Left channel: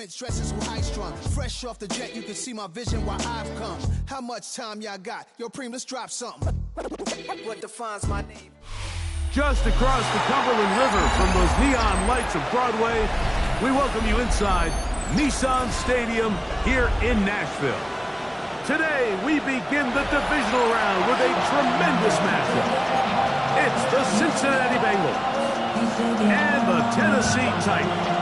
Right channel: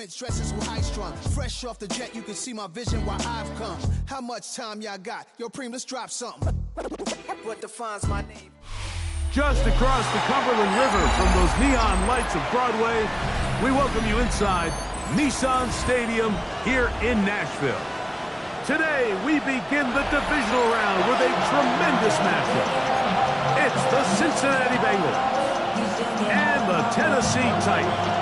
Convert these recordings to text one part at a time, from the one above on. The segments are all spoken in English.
Prince dresses with high strung. Fresh off the jet, you can see my vision while I've come. How much time y'all got? Yo, Preem, let's drop something. What defines my name? Just across the Cumberland River from those neon lights of Broadway, we welcome you inside Nissan Stadium here in Nashville. Today, we begin the divisional round with a tremendous matchup. It's the Cincinnati Bengals and the Tennessee Titans.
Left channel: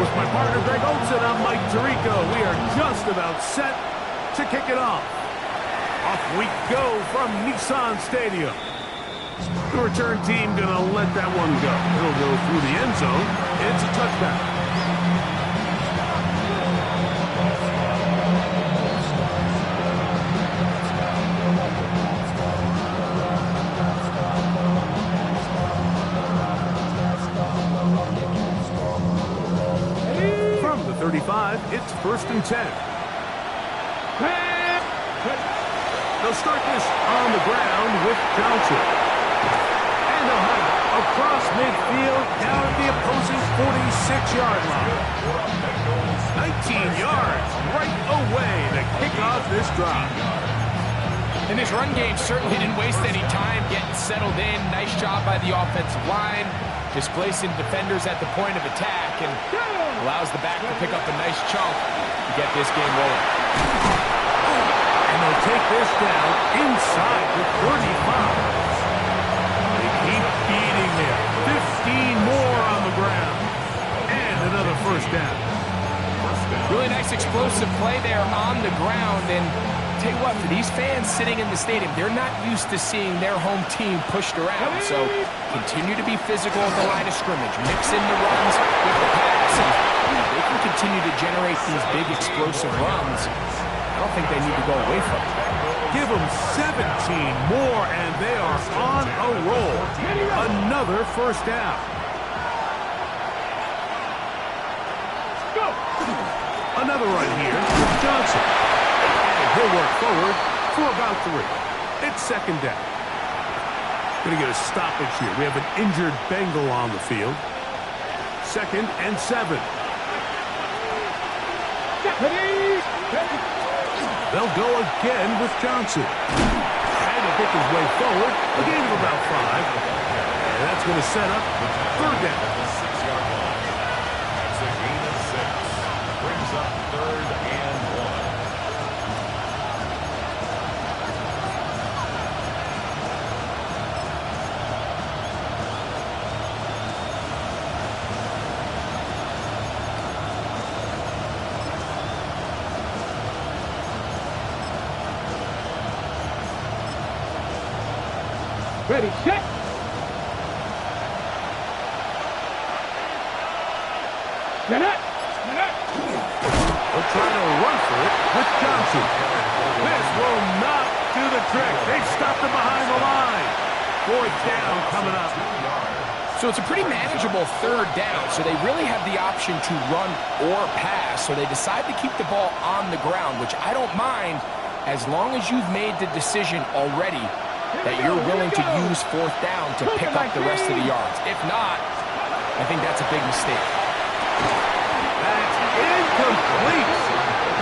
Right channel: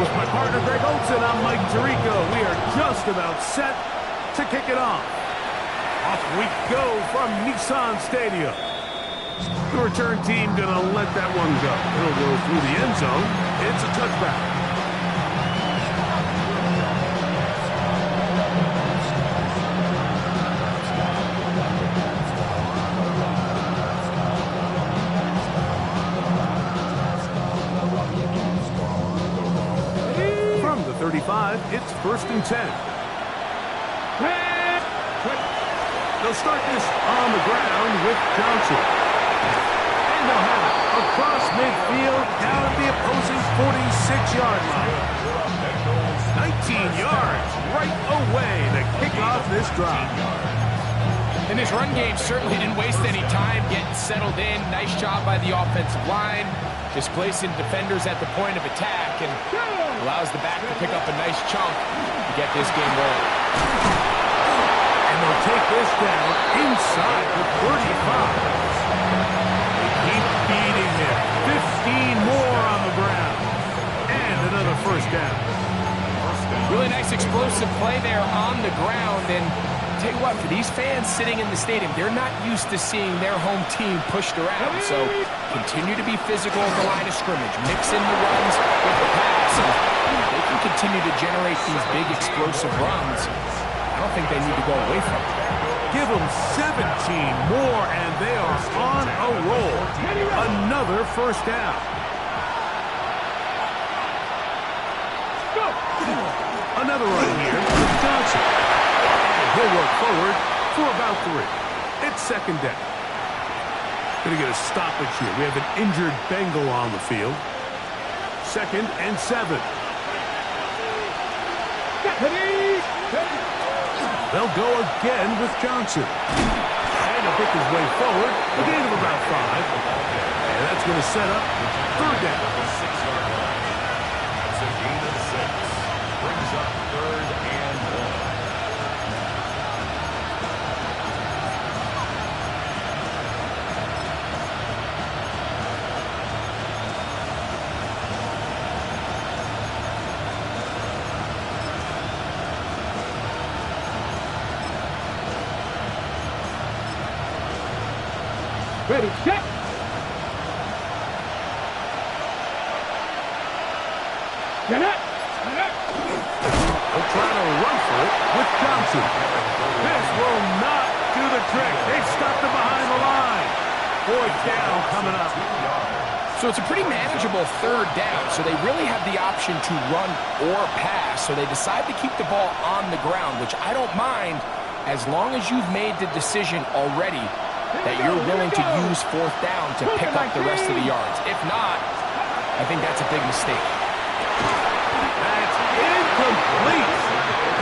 With my partner Greg Olson, I'm Mike Tirico. We are just about set to kick it off. Off we go from Nissan Stadium. The return team gonna let that one go. It'll go through the end zone. It's a touchback. From the 35, it's 1st and 10. They'll start this on the ground with Johnson. And they'll have it across midfield down at the opposing 46-yard line. 19 yards right away to kick off this drive. And this run game certainly didn't waste any time getting settled in. Nice job by the offensive line, displacing defenders at the point of attack, and allows the back to pick up a nice chunk to get this game rolling. And they'll take this down inside the 35. They keep beating him. 15 more on the ground. And another first down. Really nice explosive play there on the ground. And tell you what, for these fans sitting in the stadium, they're not used to seeing their home team pushed around. So continue to be physical at the line of scrimmage. Mix in the runs with the pass. And they can continue to generate these big explosive runs. I don't think they need to go away from it. Give them 17 more, and they are on a roll. Another first down. Go. Another run here with Johnson. And he'll work forward for about 3. It's 2nd down. Going to get a stoppage here. We have an injured Bengal on the field. 2nd and 7. They'll go again with Johnson. And he'll pick his way forward. A gain of about 5. And that's going to set up 3rd down. The 6-yard line. That's a gain of 6. Brings up 3rd and 1. Ready, set. Get it. They'll try to run for it with Johnson. This will not do the trick. They've stopped him behind the line. 4th down coming up. So it's a pretty manageable 3rd down. So they really have the option to run or pass. So they decide to keep the ball on the ground, which I don't mind as long as you've made the decision already that you're willing to use 4th down to pick up the rest of the yards. If not, I think that's a big mistake. That's incomplete.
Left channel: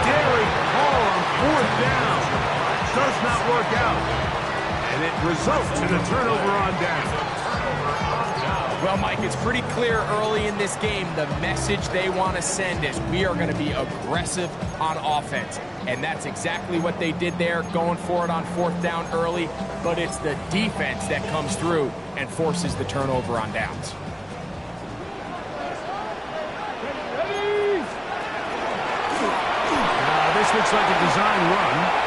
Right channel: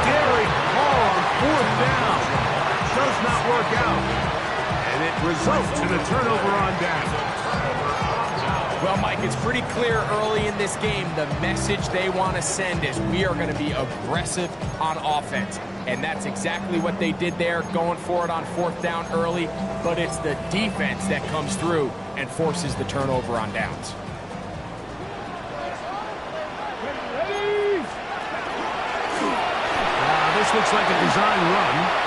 Daring call on 4th down. Does not work out. And it results in a turnover on down. Well, Mike, it's pretty clear early in this game the message they want to send is we are going to be aggressive on offense. And that's exactly what they did there, going for it on 4th down early. But it's the defense that comes through and forces the turnover on downs. This looks like a design run.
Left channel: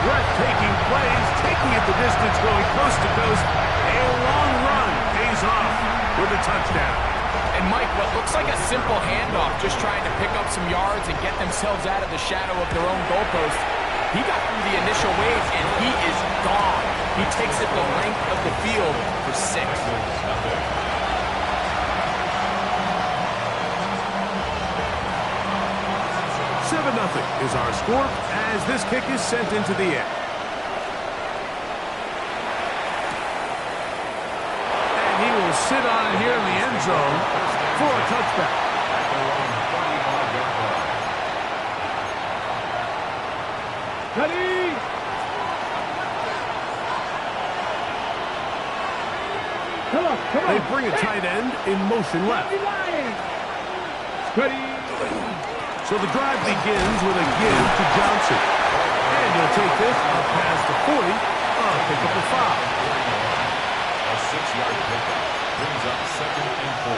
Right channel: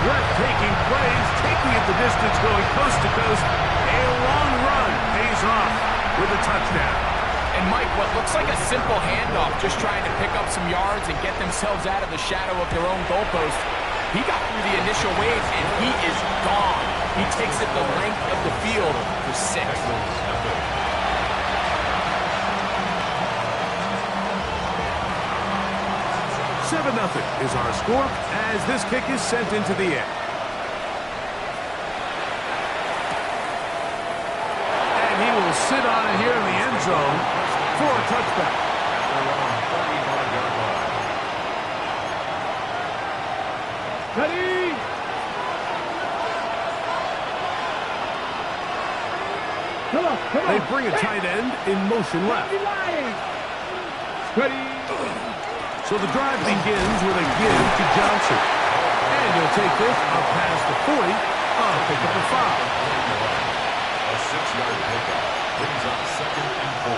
Breathtaking plays, taking it the distance, going coast to coast. A long run pays is off with a touchdown. And Mike, what looks like a simple handoff, just trying to pick up some yards and get themselves out of the shadow of their own goalpost. He got through the initial wave, and he is gone. He takes it the length of the field for 6. 7-0 is our score as this kick is sent into the air. And he will sit on it here in the end zone for a touchback. At their own 35-yard line. Ready. Come on. They bring a tight end in motion left. Ready. So the drive begins with a give to Johnson. And he'll take this up past the 40. Pick up the foul. A 6-yard pickup brings up 2nd and 4.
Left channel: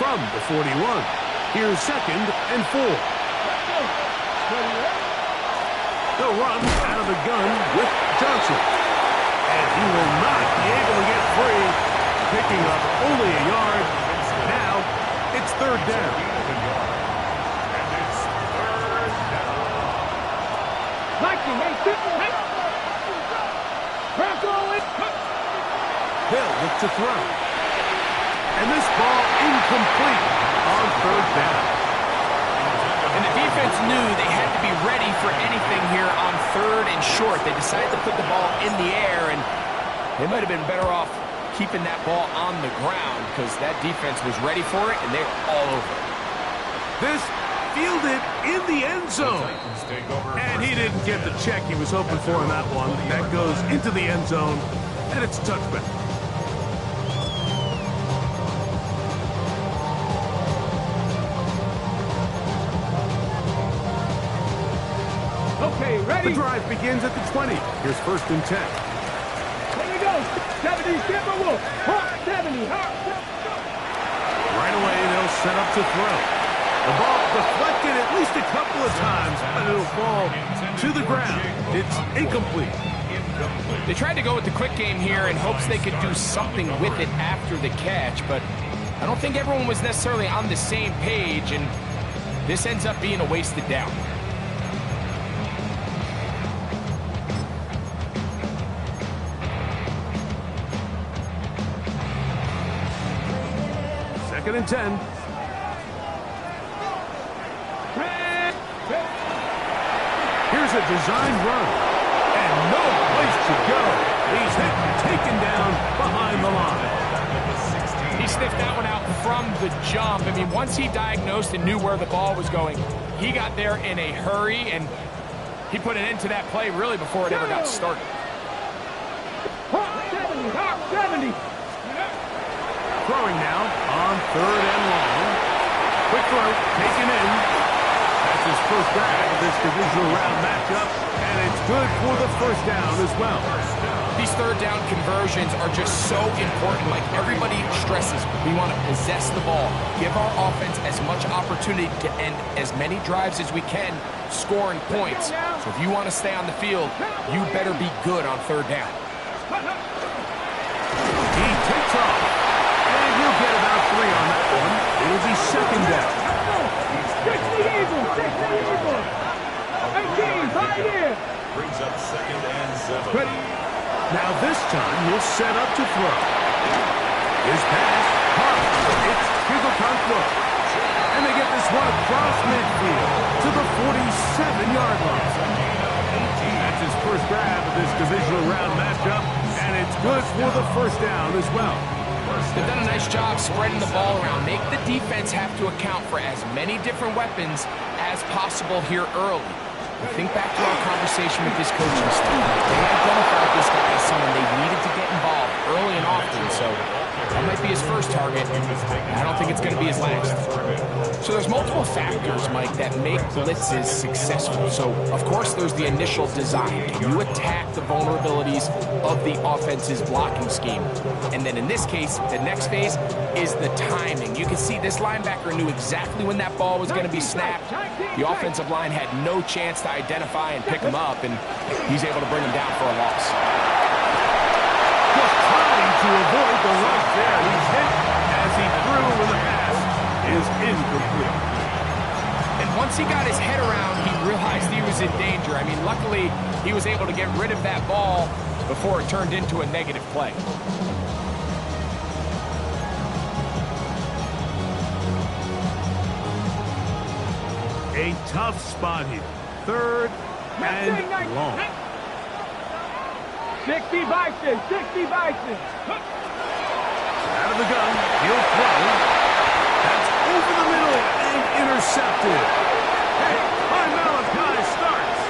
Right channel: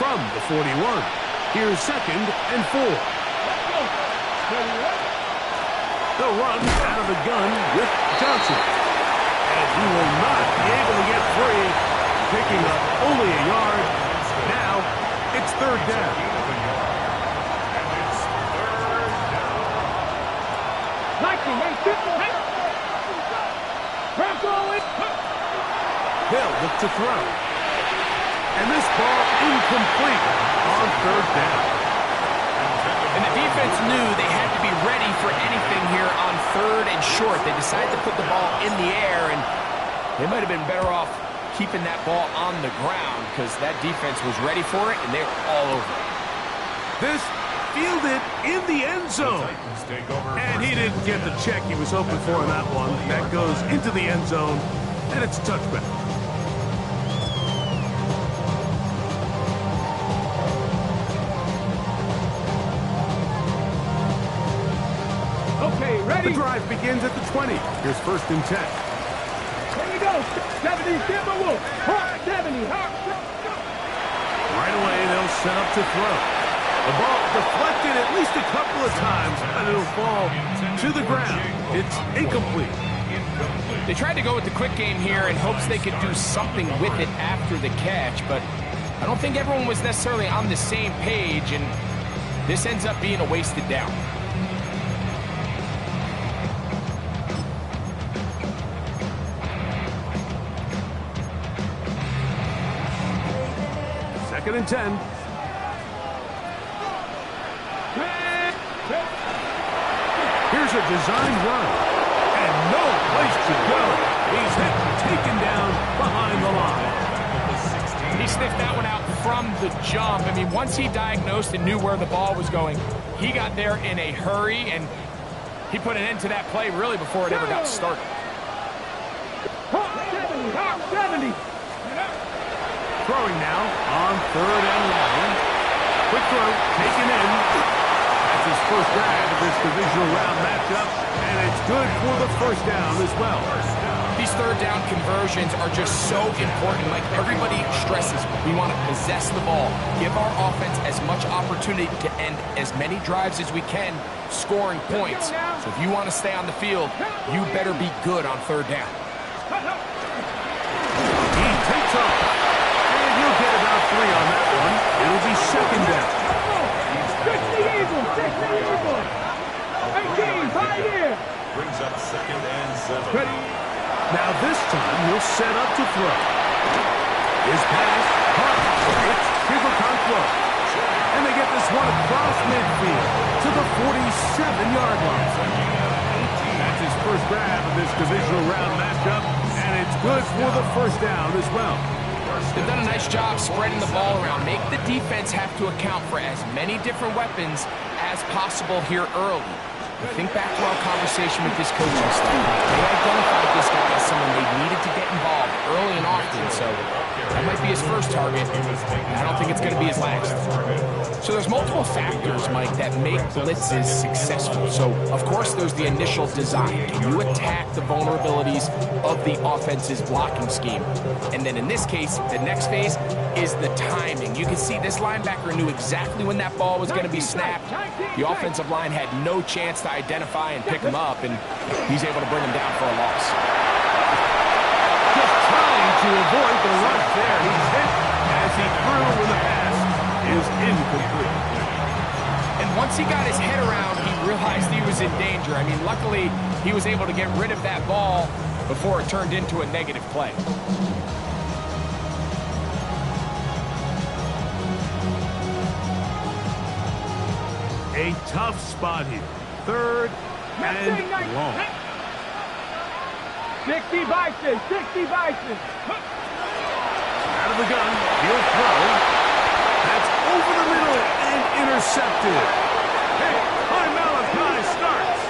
From the 41, here's 2nd and 4. They'll run out of the gun with Johnson. And he will not be able to get free, picking up only a yard. Now, it's 3rd down. And it's 3rd down. They'll look to throw. And this ball incomplete on 3rd down. And the defense knew they had to be ready for anything here on 3rd and short. They decided to put the ball in the air, and they might have been better off keeping that ball on the ground because that defense was ready for it, and they were all over it. This fielded in the end zone. And he didn't get the check he was hoping for in that one. That goes into the end zone, and it's a touchback. Okay, ready. The drive begins at the 20. Here's 1st and 10. Here we go. 70, Timberwolves. Hawk 70. Hawk. Right away, they'll set up to throw. The ball deflected at least a couple of times, but it'll fall to the ground. It's incomplete. They tried to go with the quick game here in hopes they could do something with it after the catch, but I don't think everyone was necessarily on the same page, and this ends up being a wasted down. Second and 10. Here's a designed run. And no place to go. He's hit and taken down behind the line. He sniffed that one out from the jump. I mean, once he diagnosed and knew where the ball was going, he got there in a hurry, and he put an end to that play really before it ever got started. Hawk 70. Hawk 70. Throwing now on 3rd and long. Quick throw, taken in. That's his first grab of this divisional round matchup, and it's good for the 1st down as well. These 3rd down conversions are just so important. Like everybody stresses, we want to possess the ball, give our offense as much opportunity to end as many drives as we can, scoring points. So if you want to stay on the field, you better be good on 3rd down. He takes off. And he'll get about 3 on that one. It'll be 2nd down. 60 Eagles. 60 Eagles. 18. 5 here. Brings up 2nd and 7. Ready. Now this time he'll set up to throw. His pass, hard. It's Chigokonkwo. And they get this one across midfield to the 47-yard line. That's his first grab of this divisional round matchup, and it's good for the 1st down as well. They've done a nice job spreading the ball around. Make the defense have to account for as many different weapons as possible here early. Think back to our conversation with this coaching staff. They identified this guy as someone they needed to get involved early and often, so that might be his first target. I don't think it's going to be his last. So there's multiple factors, Mike, that make blitzes successful. So, of course, there's the initial design. Can you attack the vulnerabilities of the offense's blocking scheme? And then in this case, the next phase is the timing. You can see this linebacker knew exactly when that ball was going to be snapped. The offensive line had no chance to identify and pick him up, and he's able to bring him down for a loss. trying to avoid the rush there. He's hit as he threw when the pass is incomplete. And once he got his head around, he realized he was in danger. I mean, luckily, he was able to get rid of that ball before it turned into a negative play. A tough spot here. Third and long. 60 Bison, 60 Bison. Out of the gun, he'll throw. That's over the middle and intercepted. Hey, my Malachi starts.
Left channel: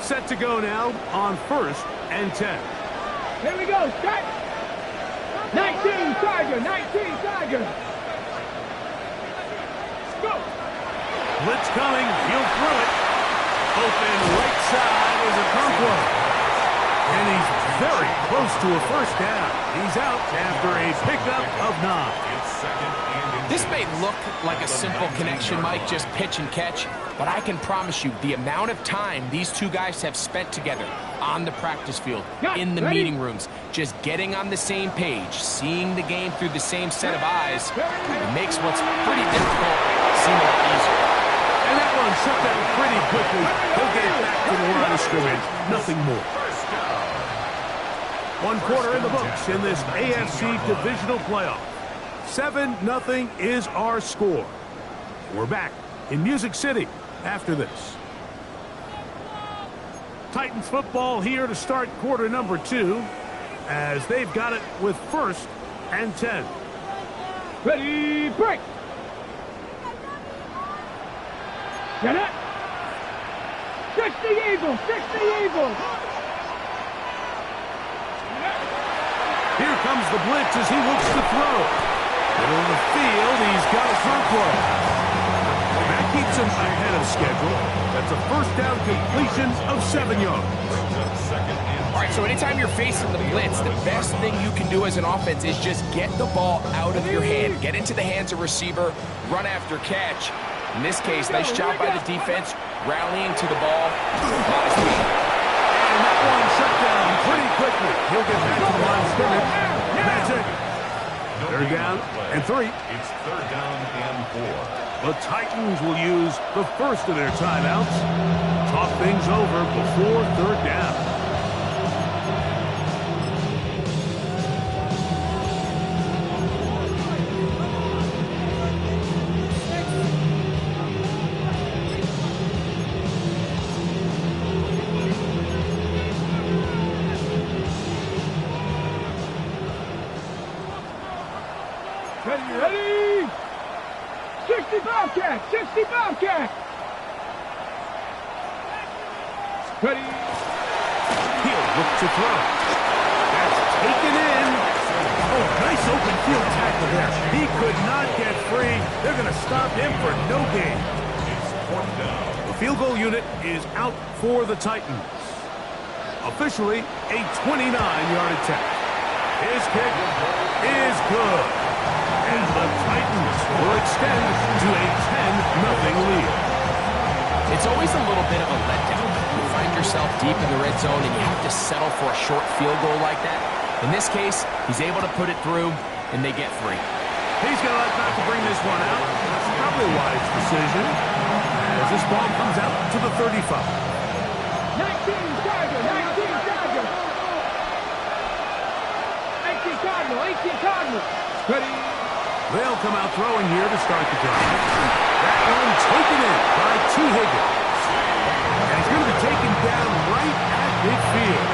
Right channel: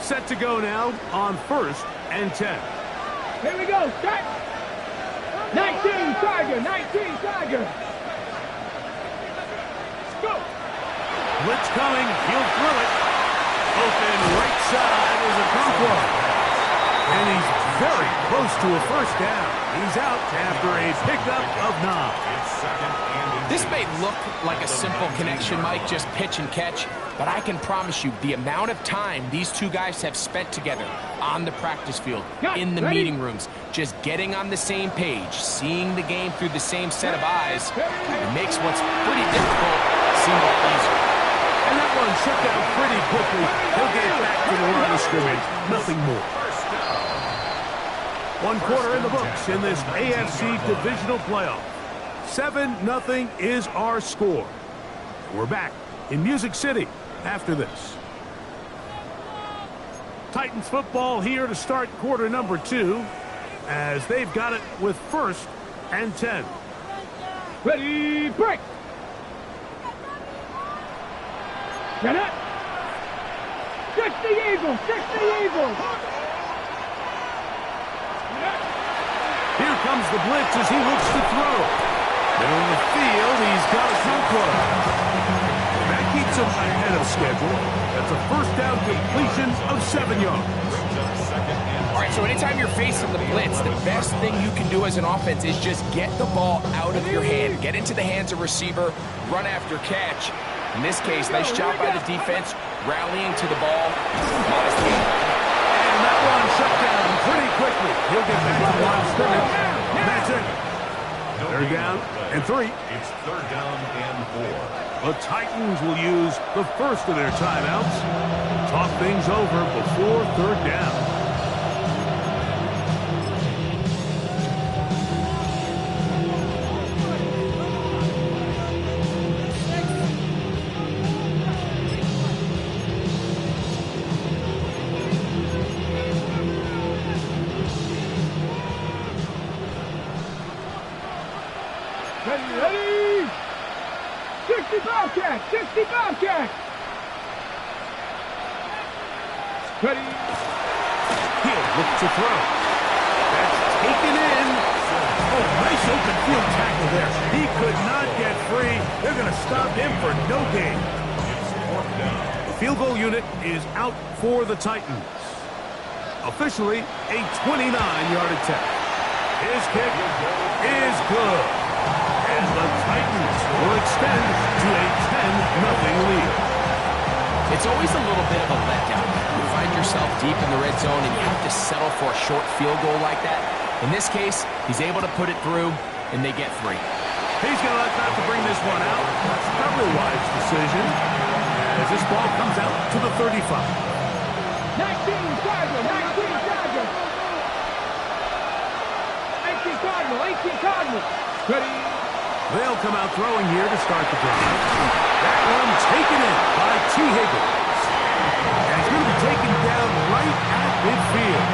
Set to go now on 1st and 10. Here we go, start. 19 Tiger, 19 Tiger. Go. Blitz coming, he'll throw it. Open right side is a Conquo. And he's very close to a first down. He's out after a pickup of 9. This may look like a simple connection, Mike, just pitch and catch, but I can promise you the amount of time these two guys have spent together on the practice field, in the meeting rooms, just getting on the same page, seeing the game through the same set of eyes, it makes what's pretty difficult seem a lot easier. And that one shut down pretty quickly. He'll get it back to the line of scrimmage. Nothing more. 1 quarter in the books in this AFC divisional playoff. 7-0 is our score. We're back in Music City after this. Titans football here to start quarter number 2 as they've got it with 1st and 10. Ready, break. Get it. 60 Eagles, 60 Eagles. Here comes the blitz as he looks to throw. Middle of the field, he's got a Conquo. That keeps him ahead of schedule. That's a first down completion of 7 yards. All right, so anytime you're facing the blitz, the best thing you can do as an offense is just get the ball out of your hand. Get into the hands of receiver, run after catch. In this case, nice job by the defense, rallying to the ball. Modest gain. And that one shut down pretty quickly. He'll get back to the line of scrimmage. And that's it. 3rd down and 3. It's 3rd down and 4. The Titans will use the first of their timeouts. Talk things over before 3rd down. Ready? 60 Bobcat, 60 Bobcat. Ready? He'll look to throw. That's taken in. Oh, nice open field tackle there. He could not get free. They're going to stop him for no gain. It's 4th down. The field goal unit is out for the Titans. Officially a 29-yard attempt. His kick is good. And the Titans will extend to a 10-0 lead. It's always a little bit of a letdown. You find yourself deep in the red zone and you have to settle for a short field goal like that. In this case, he's able to put it through, and they get 3. He's going to elect not to bring this one out. That's probably a wise decision as this ball comes out to the 35. 19 Tiger, 19 Tiger. 18 Cardinal, 18 Cardinal. Ready? They'll come out throwing here to start the drive. That one taken in by T. Higgins. And he's going to be taken down right at midfield.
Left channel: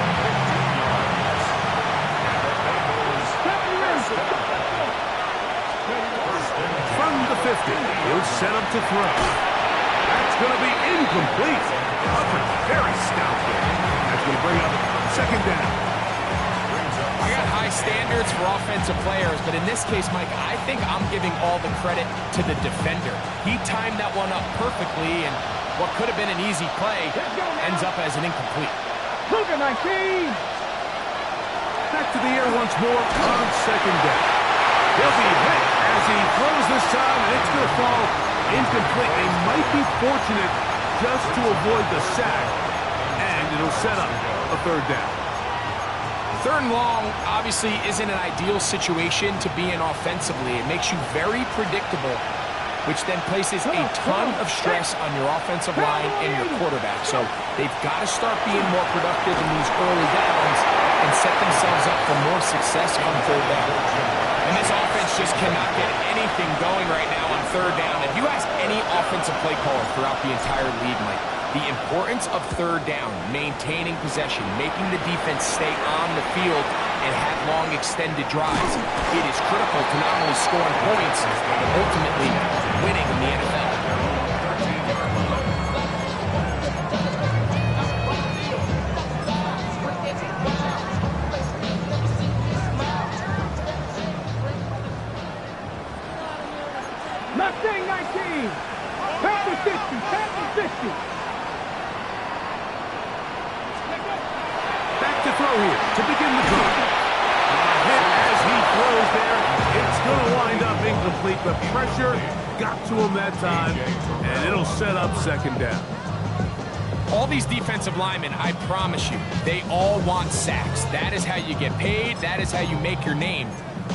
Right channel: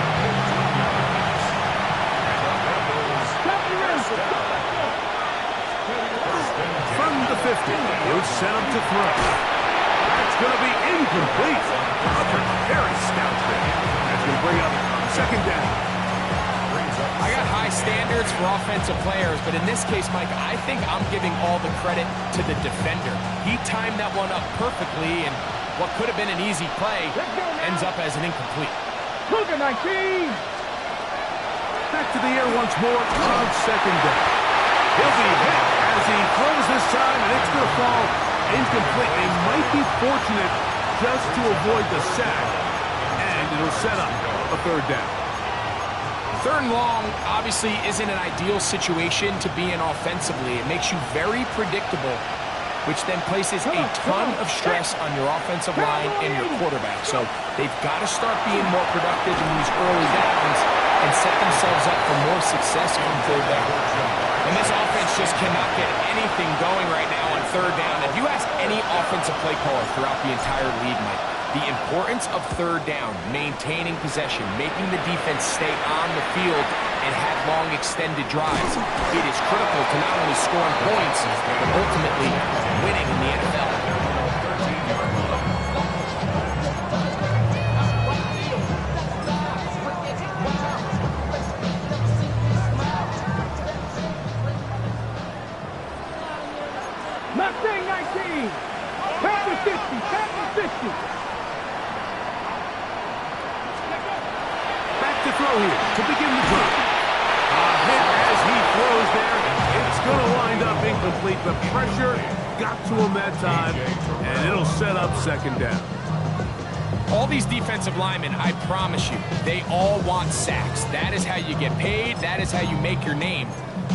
From the 50, he'll set him to throw. That's going to be incomplete. Covered very stout there. That's going to bring up 2nd down. I got high standards for offensive players, but in this case, Mike, I think I'm giving all the credit to the defender. He timed that one up perfectly, and what could have been an easy play ends up as an incomplete. Cougar 19. Back to the air once more on 2nd down. He'll be hit as he throws this time, and it's going to fall incomplete. They might be fortunate just to avoid the sack, and it'll set up a third down. Third and long obviously isn't an ideal situation to be in offensively. It makes you very predictable, which then places a ton of stress on your offensive line and your quarterback. So they've got to start being more productive in these early downs and set themselves up for more success on third down. And this offense just cannot get anything going right now on third down. If you ask any offensive play caller throughout the entire league, Mike, the importance of third down, maintaining possession, making the defense stay on the field and have long extended drives, it is critical to not only scoring points, but ultimately winning in the NFL. Mustang 19. Pack to 50. Pack to 50. Back to throw here to begin the drive. A hit as he throws there. It's going to wind up incomplete. The pressure got to him that time, and it'll set up second down. All these defensive linemen, I promise you, they all want sacks. That is how you get paid. That is how you make your name.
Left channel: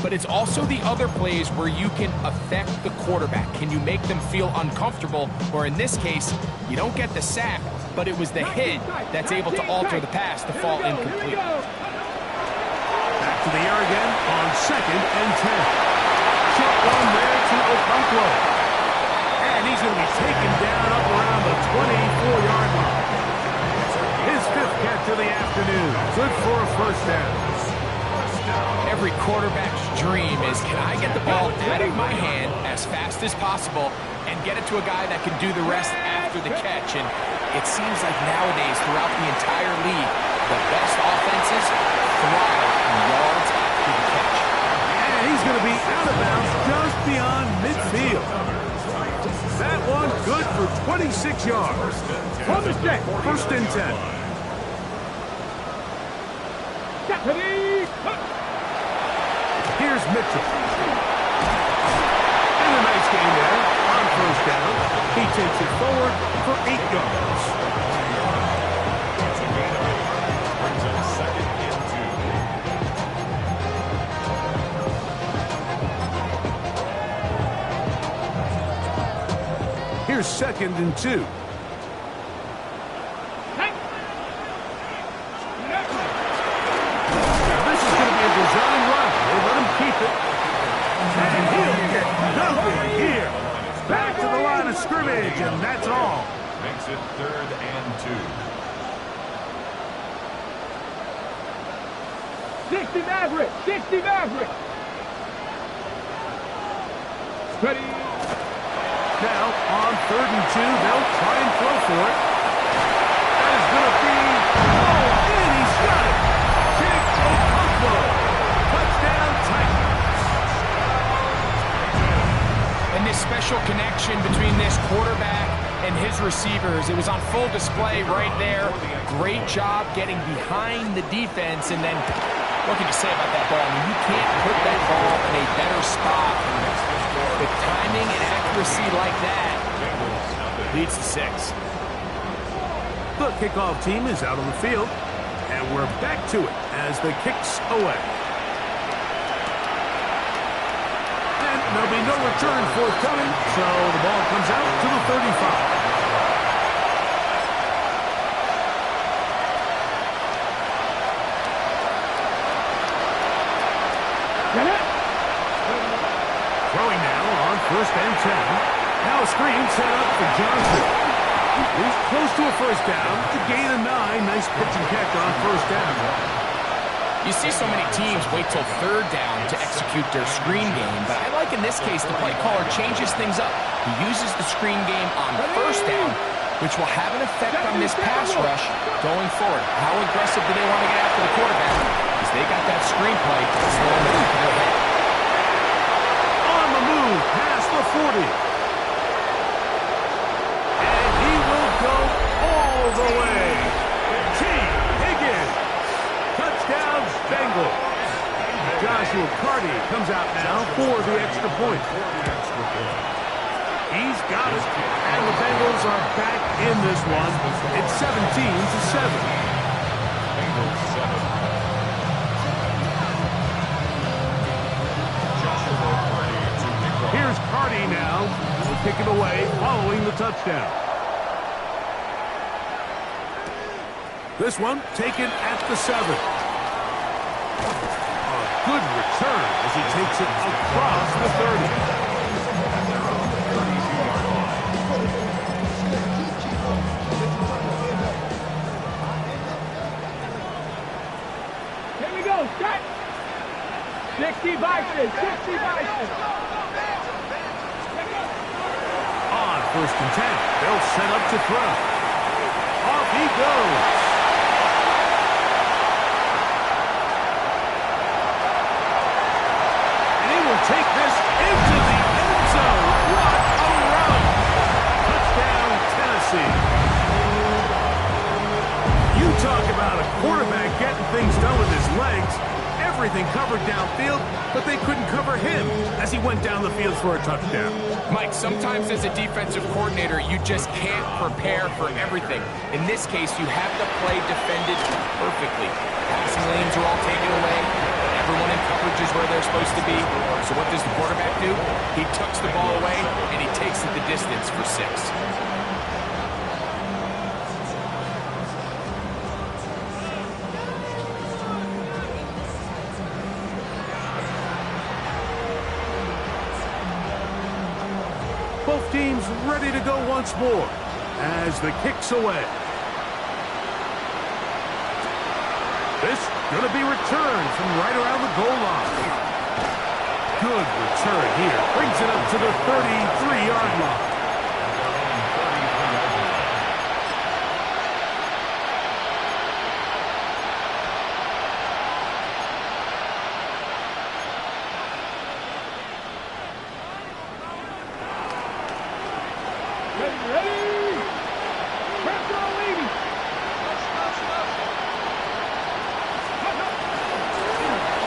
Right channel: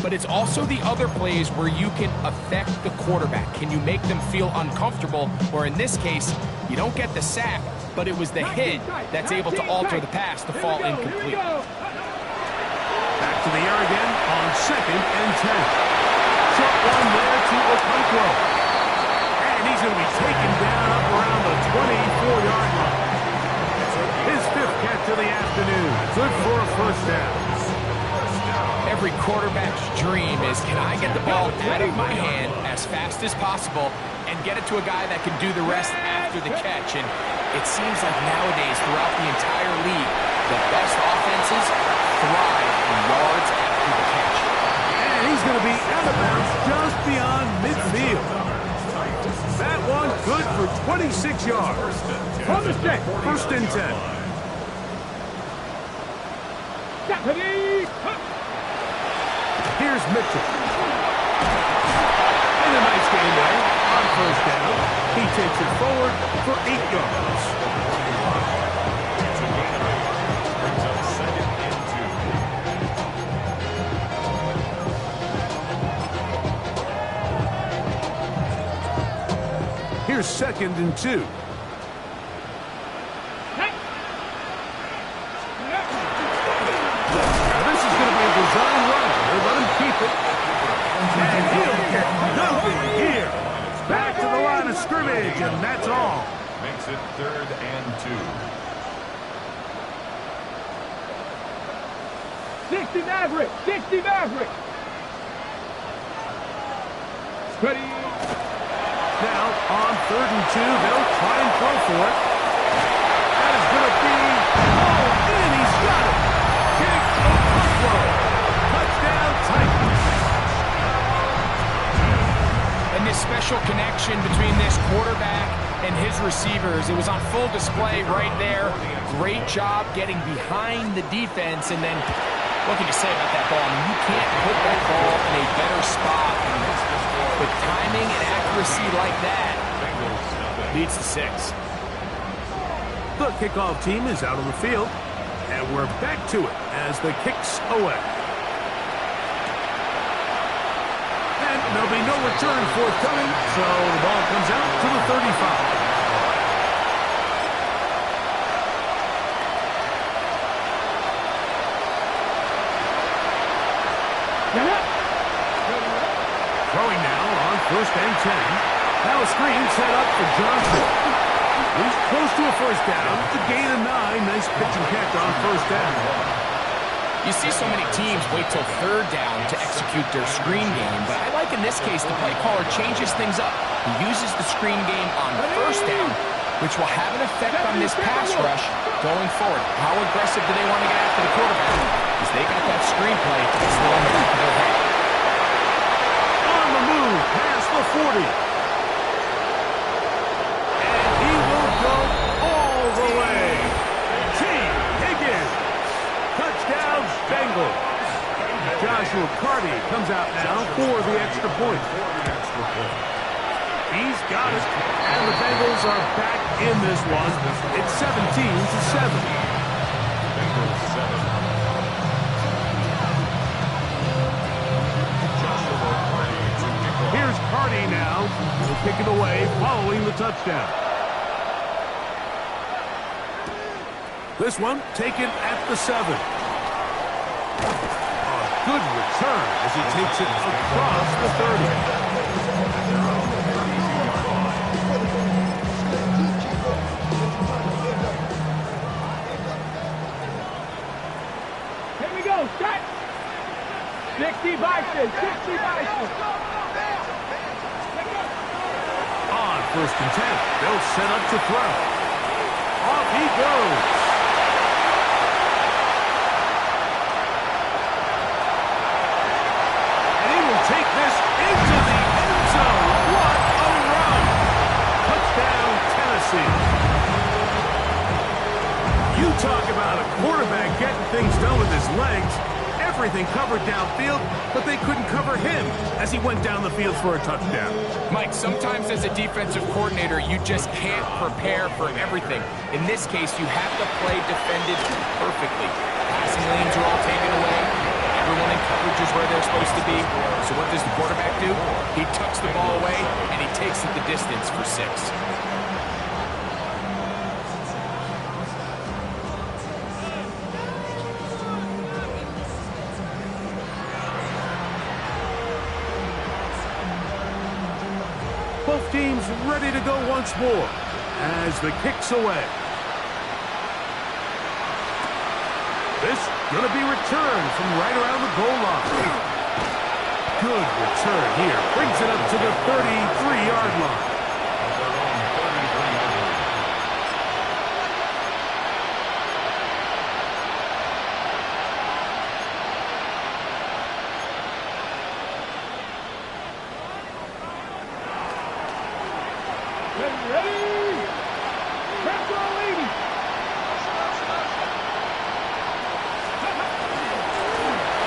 But it's also the other plays where you can affect the quarterback. Can you make them feel uncomfortable? Or in this case, you don't get the sack, but it was the hit that's able to alter the pass to fall incomplete. Back to the air again on 2nd and 10. Short one there to Okonkwo. And he's going to be taken down up around the 24-yard line. His 5th catch of the afternoon. Good for a first down. Every quarterback's dream is, can I get the ball out of my hand as fast as possible and get it to a guy that can do the rest after the catch? And it seems like nowadays, throughout the entire league, the best offenses thrive in yards after the catch. And he's going to be out of bounds just beyond midfield. That one good for 26 yards. First and 10. Here's Mitchell. And a nice gain there on first down. He takes it forward for 8 yards. It's a gain of 8. Brings up 2nd and 2. Here's 2nd and 2. Design run. They let him keep it. And he'll get nothing here. Back to the line of scrimmage, and that's all. Makes it 3rd and 2. 60 Maverick. 60 Maverick. Ready. Now, on 3rd and 2, they'll try and throw for it. That is going to be... Oh, and he's got it. Kick Okonkwo. Touchdown, Titans. And this special connection between this quarterback and his receivers, it was on full display right there. Great job getting behind the defense. And then, what can you say about that ball? I mean, you can't put that ball in a better spot. And with timing and accuracy like that, leads to 6. The kickoff team is out on the field, and we're back to it as the kick's away. And there'll be no return forthcoming, so the ball comes out to the 35. Throwing now on 1st and 10. Now a screen set up for Johnson. He's close to a first down. A gain of 9. Nice pitch and catch on first down. You see so many teams wait till 3rd down to execute their screen game, but I like in this case the play caller changes things up. He uses the screen game on 1st down, which will have an effect on this pass rush going forward. How aggressive do they want to get after the quarterback? Because they got that screen play still in the back of their head. On the move, past the 40. And he will go all the way. T. Higgins. Touchdown, Bengals. Joshua Carty comes out now for the extra point. He's got it, and the Bengals are back in this one. It's 17-7. Bengals 7. Joshua Carty to kick off. Here's Carty now. He'll kick it away following the touchdown. This one taken at the 7. A good return as he takes it across the 30. Here we go, start. 60 Bison, 60 Bison. On 1st and 10, they'll set up to throw. Off he goes. Take this into the end zone. What a run! Touchdown, Tennessee. You talk about a quarterback getting things done with his legs. Everything covered downfield, but they couldn't cover him as he went down the field for a touchdown. Mike, sometimes as a defensive coordinator, you just can't prepare for everything. In this case, you have the play defended perfectly. Passing lanes are all taken away. Everyone in coverage is where they're supposed to be. So what does the quarterback do? He tucks the ball away, and he takes it the distance for 6. Both teams ready to go once more as the kick's away. This going to be returned from right around the goal line. Good return here. Brings it up to the 33-yard line. At their own 33-yard line. Ready? Press all, lady.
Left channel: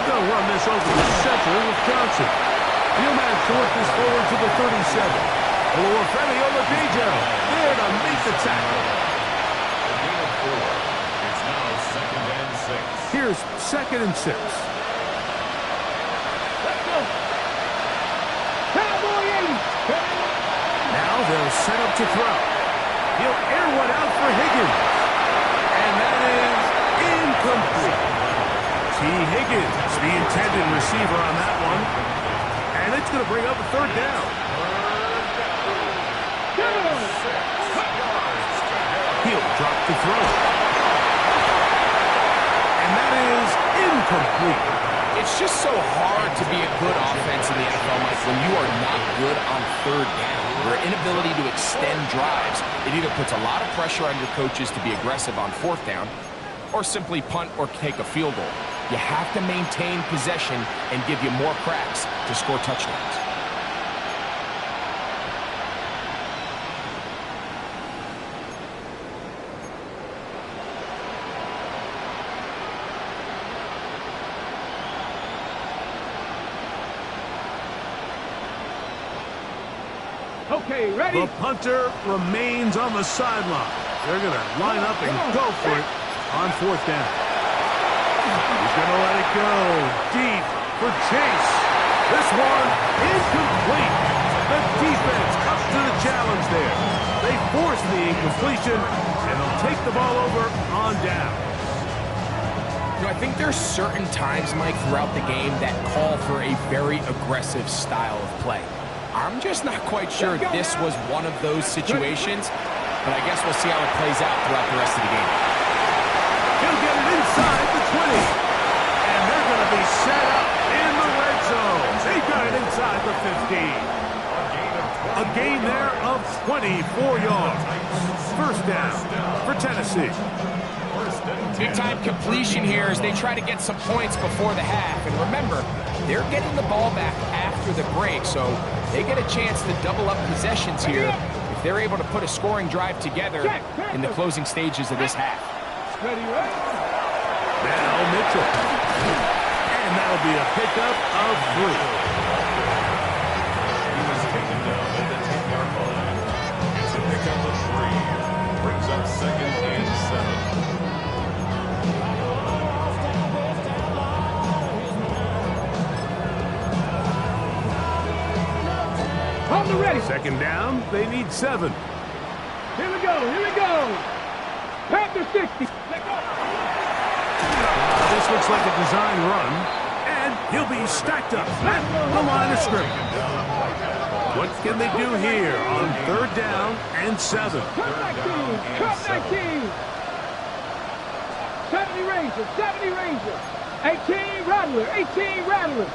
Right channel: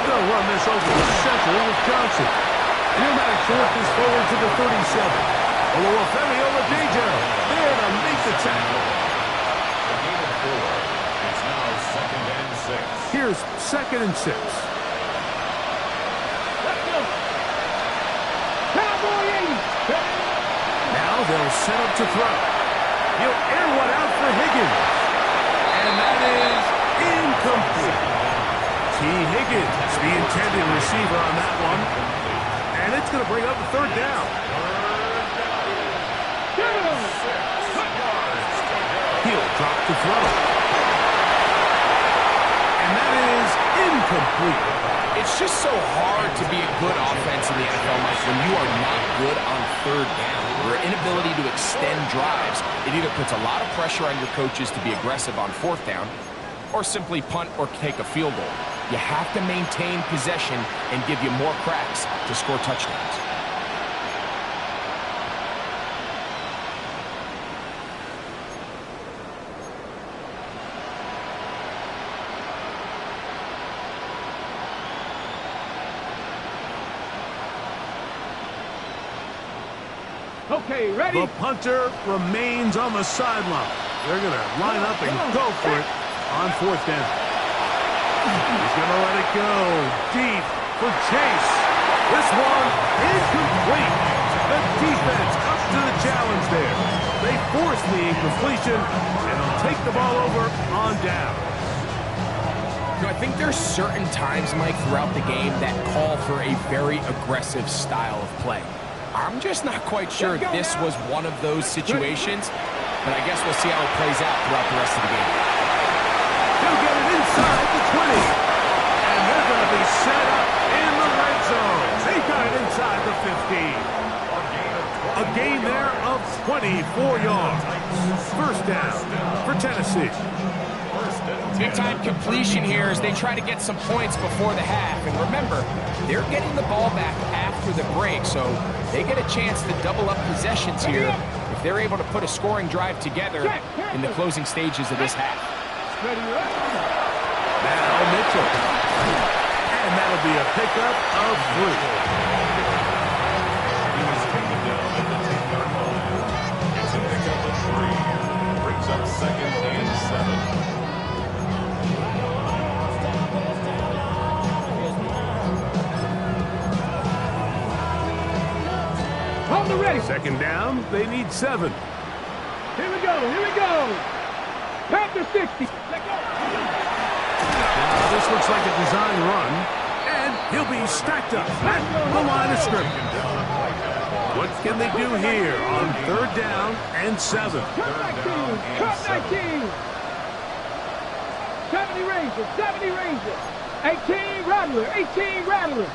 They'll run this over the center with Johnson. And he'll manage to work this forward to the 37. Oluwafemi Oladejo there to make the tackle. A gain of 4. It's now 2nd and 6. Here's 2nd and 6. Let's go. Cowboy 80. Now they'll set up to throw. He'll air one out for Higgins. And that is incomplete. T. Higgins, the intended receiver on that one. And it's going to bring up a 3rd down. He'll drop to throw. And that is incomplete. It's just so hard to be a good offense in the NFL, Mike, when you are not good on 3rd down. Your inability to extend drives, it either puts a lot of pressure on your coaches to be aggressive on 4th down, or simply punt or take a field goal. You have to maintain possession and give you more cracks to score touchdowns. Okay, ready? The punter remains on the sideline. They're going to line up and go for it on 4th down. He's going to let it go deep for Chase. This one incomplete. The defense up to the challenge there. They force the incompletion, and they'll take the ball over on down. You know, I think there's certain times, Mike, throughout the game that call for a very aggressive style of play. I'm just not quite sure this was one of those situations, but I guess we'll see how it plays out throughout the rest of the game. He'll get it inside the 20. And they're going to be set up in the red zone. They got it inside the 15. A gain there of 24 yards. 1st down for Tennessee. Big-time completion here as they try to get some points before the half. And remember, they're getting the ball back after the break, so they get a chance to double up possessions here if they're able to put a scoring drive together in the closing stages of this half. Ready, ready. Now Mitchell. And And that'll be a pickup of 3. He was taken down at the 10-yard line. It's a pickup of 3. Brings up 2nd and 7. On the ready. 2nd down, they need 7. Here we go. Here we go. Panther 60. Let go. This looks like a design run, and he'll be stacked up at the line of scrimmage. What can they do here on 3rd down and 7? Cut 19. Cut 19. 70 Ranger. 70 Ranger. 18 Rattler. 18 Rattler.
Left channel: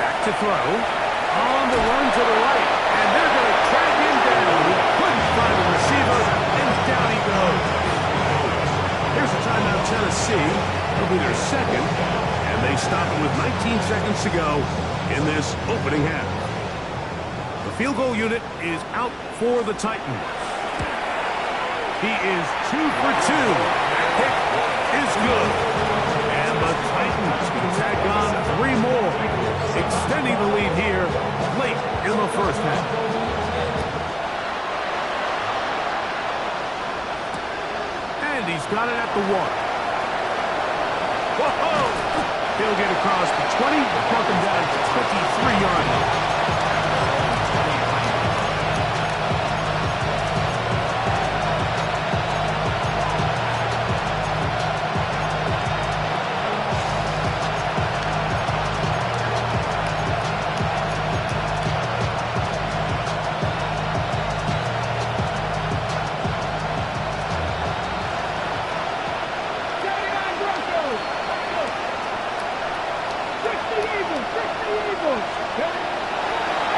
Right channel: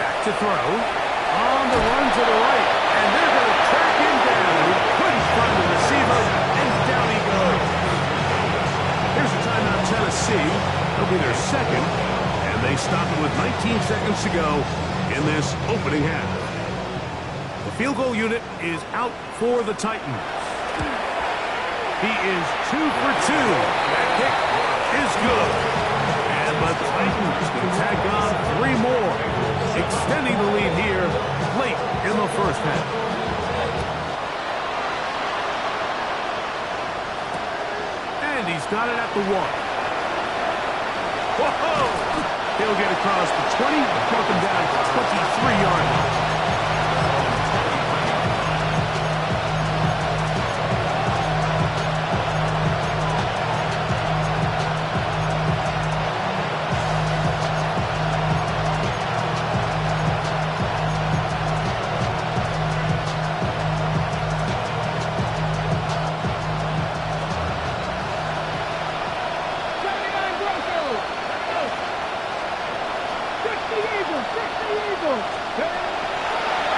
Back to throw. On the run to the right. And they're going to track him down. He couldn't find the receiver, and down he goes. Here's a timeout, Tennessee. It'll be their 2nd, and they stop it with 19 seconds to go in this opening half. The field goal unit is out for the Titans. He is 2 for 2. That kick is good. And the Titans can tack on 3 more, extending the lead here late in the first half. And he's got it at the 1. Whoa! He'll get across the 20, broken down to 23-yard line.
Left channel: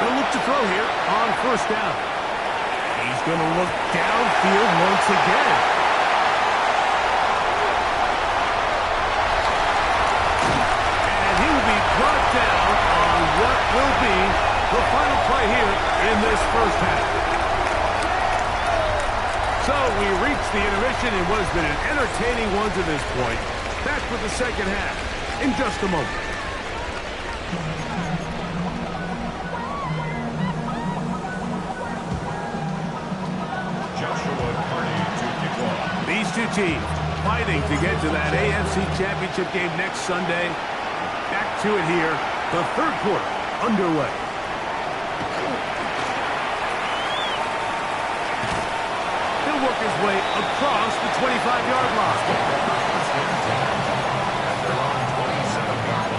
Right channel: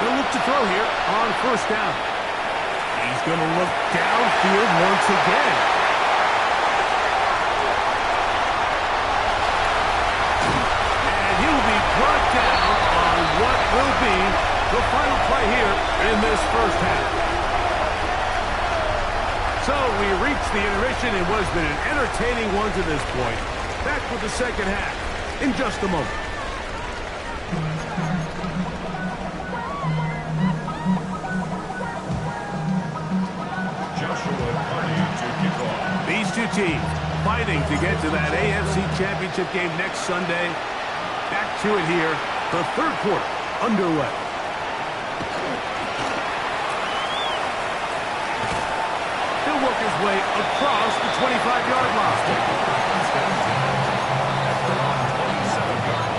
He'll look to throw here on 1st down. He's going to look downfield once again. And he will be brought down on what will be the final play here in this first half. So we reached the intermission in what has been an entertaining one to this point. Back with the second half in just a moment. These two teams fighting to get to that AFC Championship game next Sunday. Back to it here, the 3rd quarter underway. He'll work his way across the 25-yard line. After on 27-yard line.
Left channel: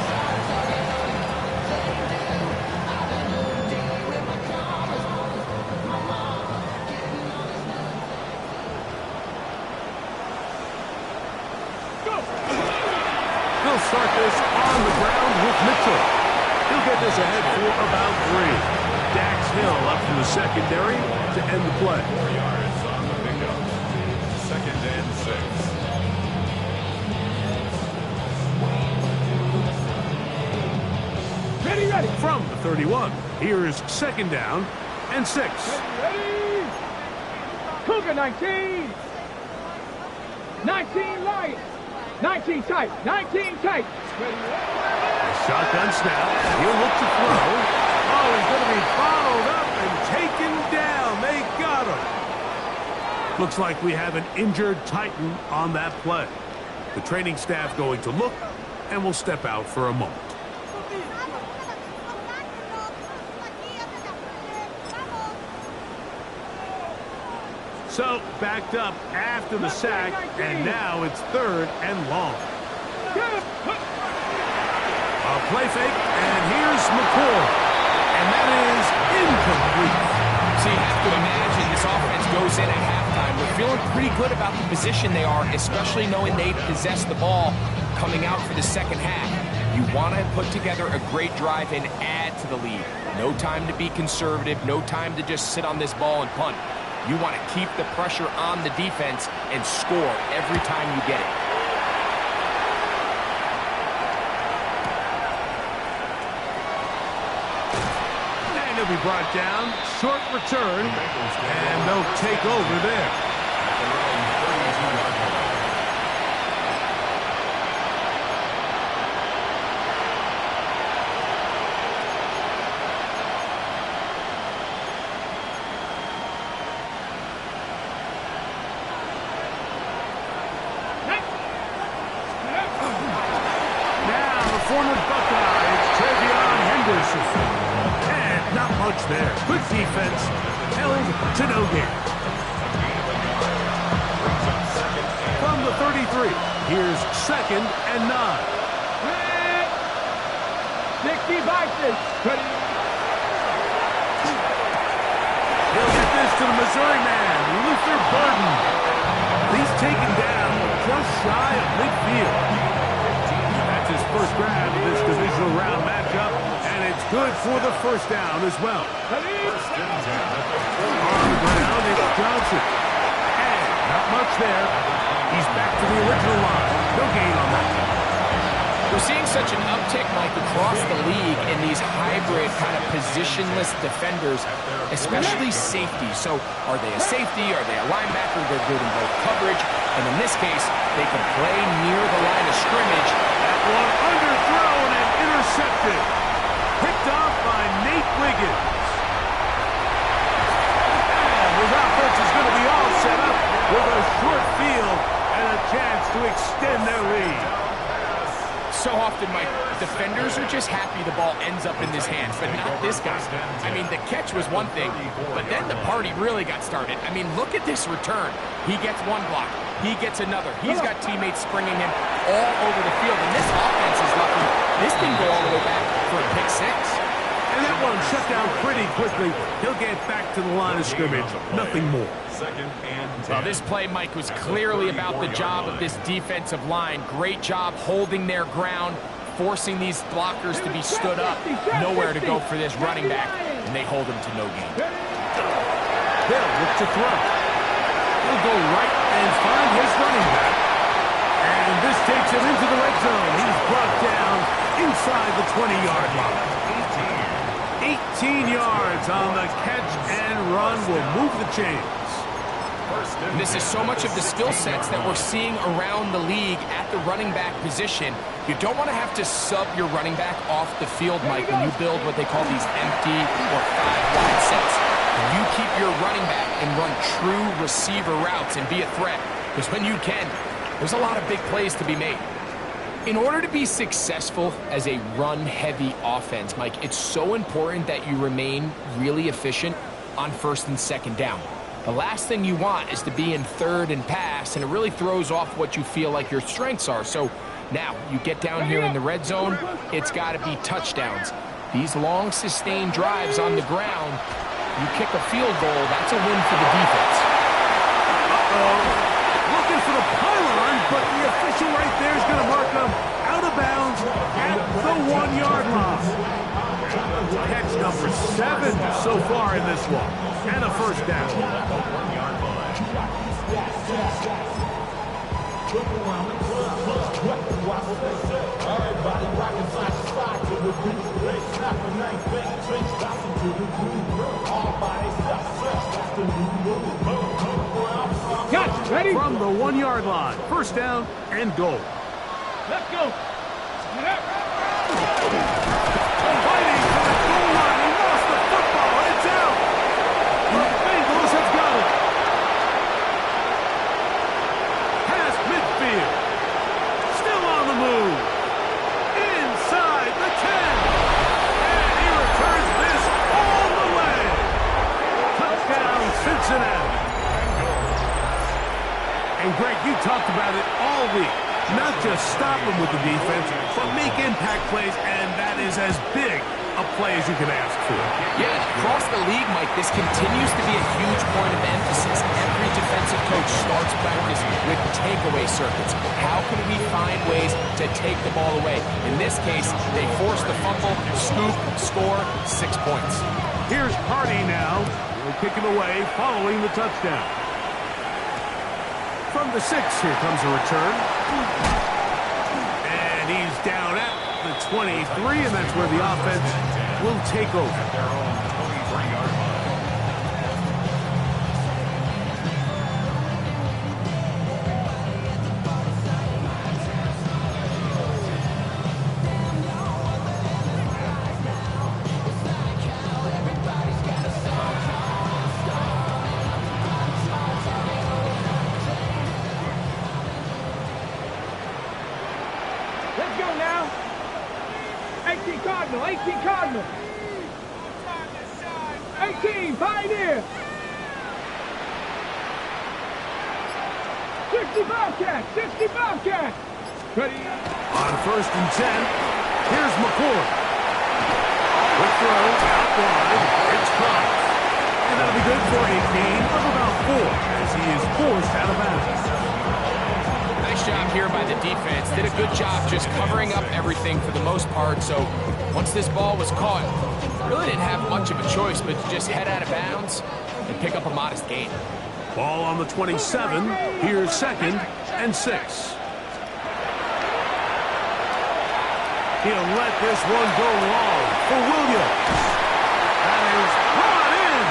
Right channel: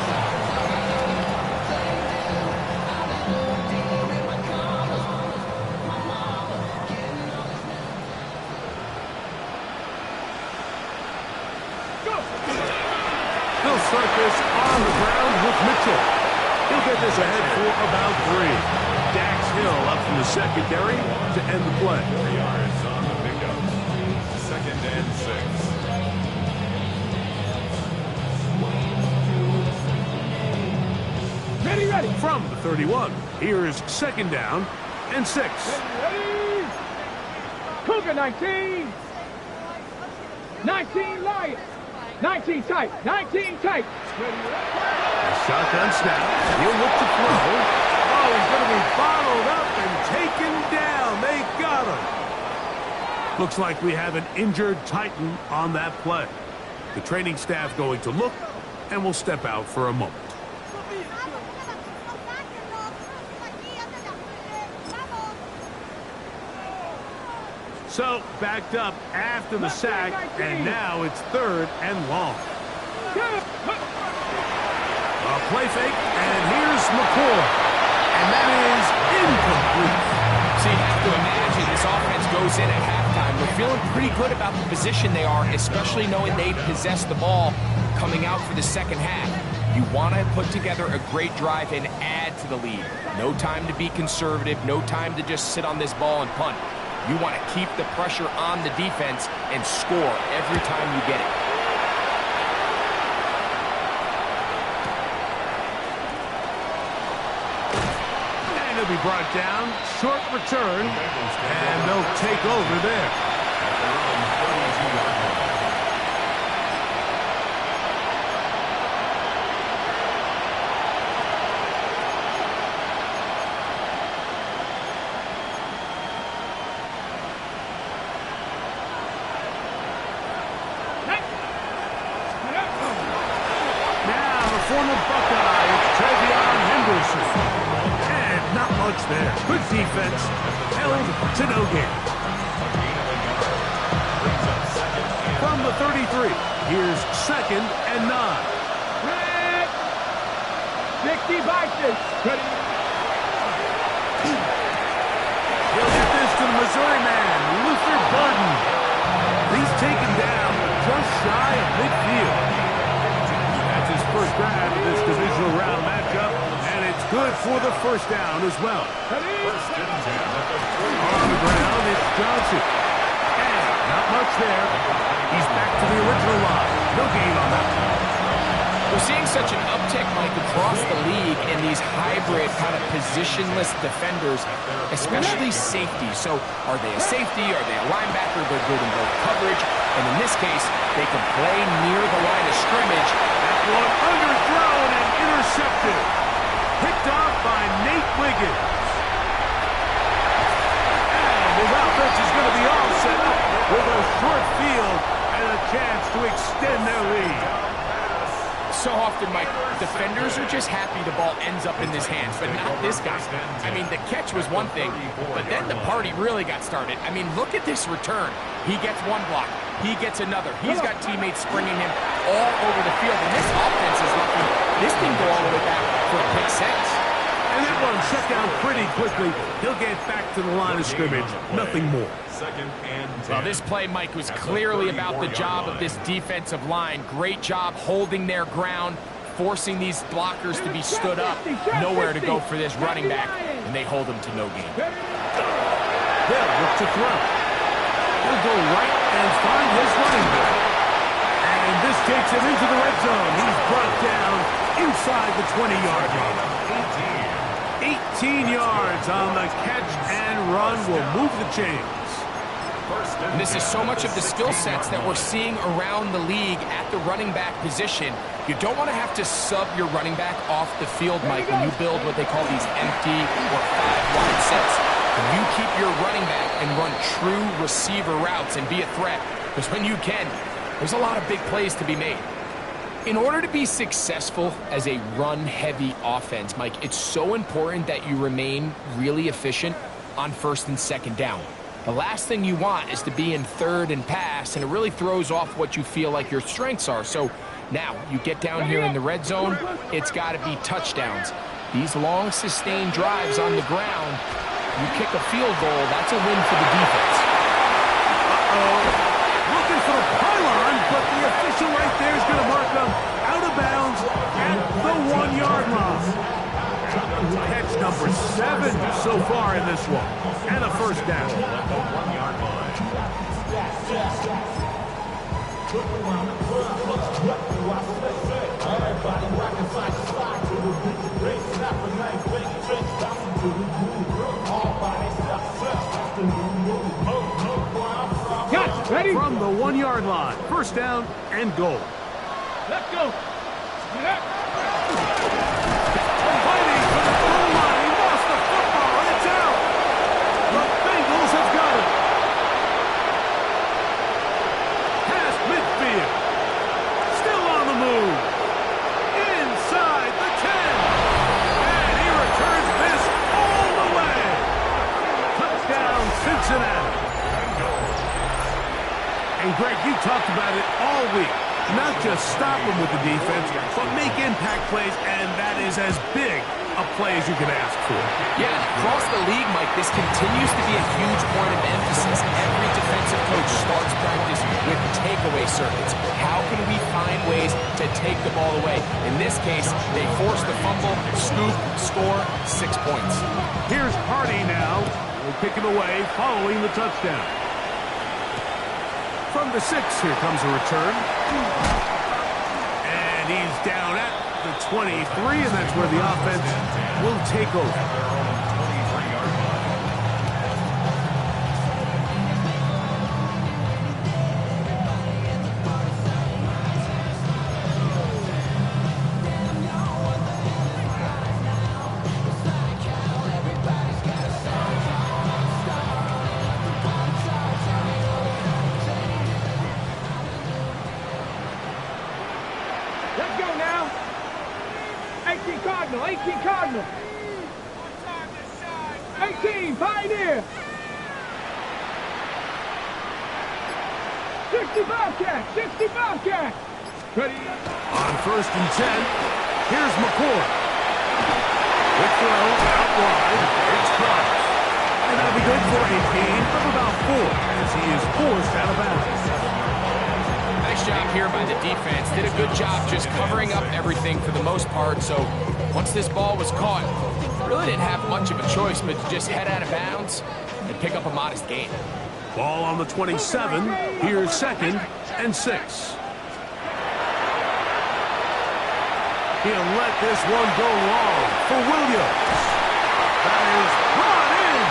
He'll start this on the ground with Mitchell. He'll get this ahead for about 3. Dax Hill up from the secondary to end the play. 4 yards on the pickup. 2nd and 6. Ready, ready. From the 31, here's 2nd down and 6. Ready. Cougar 19. 19 Lions. 19 tight. 19 tight. Ready. A shotgun snap. He'll look to throw. Oh, he's going to be bottled up and taken down. They got him. Looks like we have an injured Titan on that play. The training staff going to look, and we'll step out for a moment. So, backed up after the sack, and now it's 3rd and long. A play fake, and here's McCoy. And that is incomplete. So you have to imagine this offense goes in at halftime. They're feeling pretty good about the position they are, especially knowing they possess the ball coming out for the second half. You want to put together a great drive and add to the lead. No time to be conservative, no time to just sit on this ball and punt. You want to keep the pressure on the defense and score every time you get it. And he'll be brought down. Short return. And they'll take over there. At their own 32-yard line. Former Buckeye, it's Trevion Henderson. And not much there. Good defense, held to no gain. From the 33, here's 2nd and 9. 60 boxes. He'll get this to the Missouri man, Luther Burden. He's taken down just shy of midfield. That's his first grab of this divisional round matchup, and it's good for the first down as well. On the ground, it's Johnson. And not much there. He's back to the original line. No gain on that one. We're seeing such an uptick, Mike, across the league in these hybrid kind of positionless defenders, especially safety. So are they a safety? Are they a linebacker? They're good in both coverage. And in this case, they can play near the line of scrimmage. That one underthrown and intercepted. Picked off by Nate Wiggins. And his offense is going to be all set up with a short field and a chance to extend their lead. So often, Mike, defenders are just happy the ball ends up in his hands, but not this guy. I mean, the catch was one thing, but then the party really got started. I mean, look at this return. He gets one block. He gets another. He's got teammates springing him all over the field, and this offense is lucky. This didn't go all the way back for a pick six. And that one shut down pretty quickly. He'll get back to the line of scrimmage. Nothing more. 2nd and 10. Well, this play, Mike, was clearly about the job of this defensive line. Great job holding their ground, forcing these blockers to be stood up. Nowhere to go for this running back, and they hold him to no gain. They'll look to throw. He'll go right and find his running back. And this takes him into the red zone. He's brought down inside the 20-yard line. 18 yards on the catch and run will move the chains. And this is so much of the skill sets that we're seeing around the league at the running back position. You don't want to have to sub your running back off the field, Mike, when you build what they call these empty or 5-wide sets. When you keep your running back and run true receiver routes and be a threat, because when you can, there's a lot of big plays to be made. In order to be successful as a run-heavy offense, Mike, it's so important that you remain really efficient on 1st and 2nd down. The last thing you want is to be in 3rd and pass, and it really throws off what you feel like your strengths are. So now you get down here in the red zone, it's got to be touchdowns. These long, sustained drives on the ground, you kick a field goal, that's a win for the defense. Uh-oh. Looking for the pylon, but the official right there is going to mark them out of bounds at the 1-yard line. Catch number 7 so far in this one, and a first down. At the 1-yard line. Everybody rocking side to side to the beat. Snap a knife, bang, trench, bouncing to the groove. All by themselves, that's the new move. Catch, ready? From the 1-yard line, first down and goal. Let's go. Get up. Fighting for the goal line. He lost the football. It's out. The Bengals have got it. Past midfield. Still on the move. Inside the 10. And he returns this all the way. Touchdown, Cincinnati. And Greg, you talked about it all week. Not just stop them with the defense, but make impact plays, and that is as big a play as you can ask for. Yeah, across the league, Mike, this continues to be a huge point of emphasis. Every defensive coach starts practice with takeaway circuits. How can we find ways to take the ball away? In this case, they force the fumble, scoop, score, 6 points. Here's Hardy now, He'll kick it away following the touchdown. From the 6, here comes a return. And he's down at the 23, and that's where the offense will take over. At their own 23-yard line. Let's go now. 18 Cardinal, 18 Cardinal. 18 Pioneer. 60 Bobcat, 60 Bobcat. Ready? On 1st and 10, here's McCord. Quick throw, out wide, it's caught. And that'll be good for a gain of about 4 as he is forced out of bounds. Nice job here by the defense. Did a good job just covering up everything for the most part. So once this ball was caught, really didn't have much of a choice but to just head out of bounds and pick up a modest gain. Ball on the 27. Here's 2nd and 6. He'll let this one go long for Williams. That is brought in.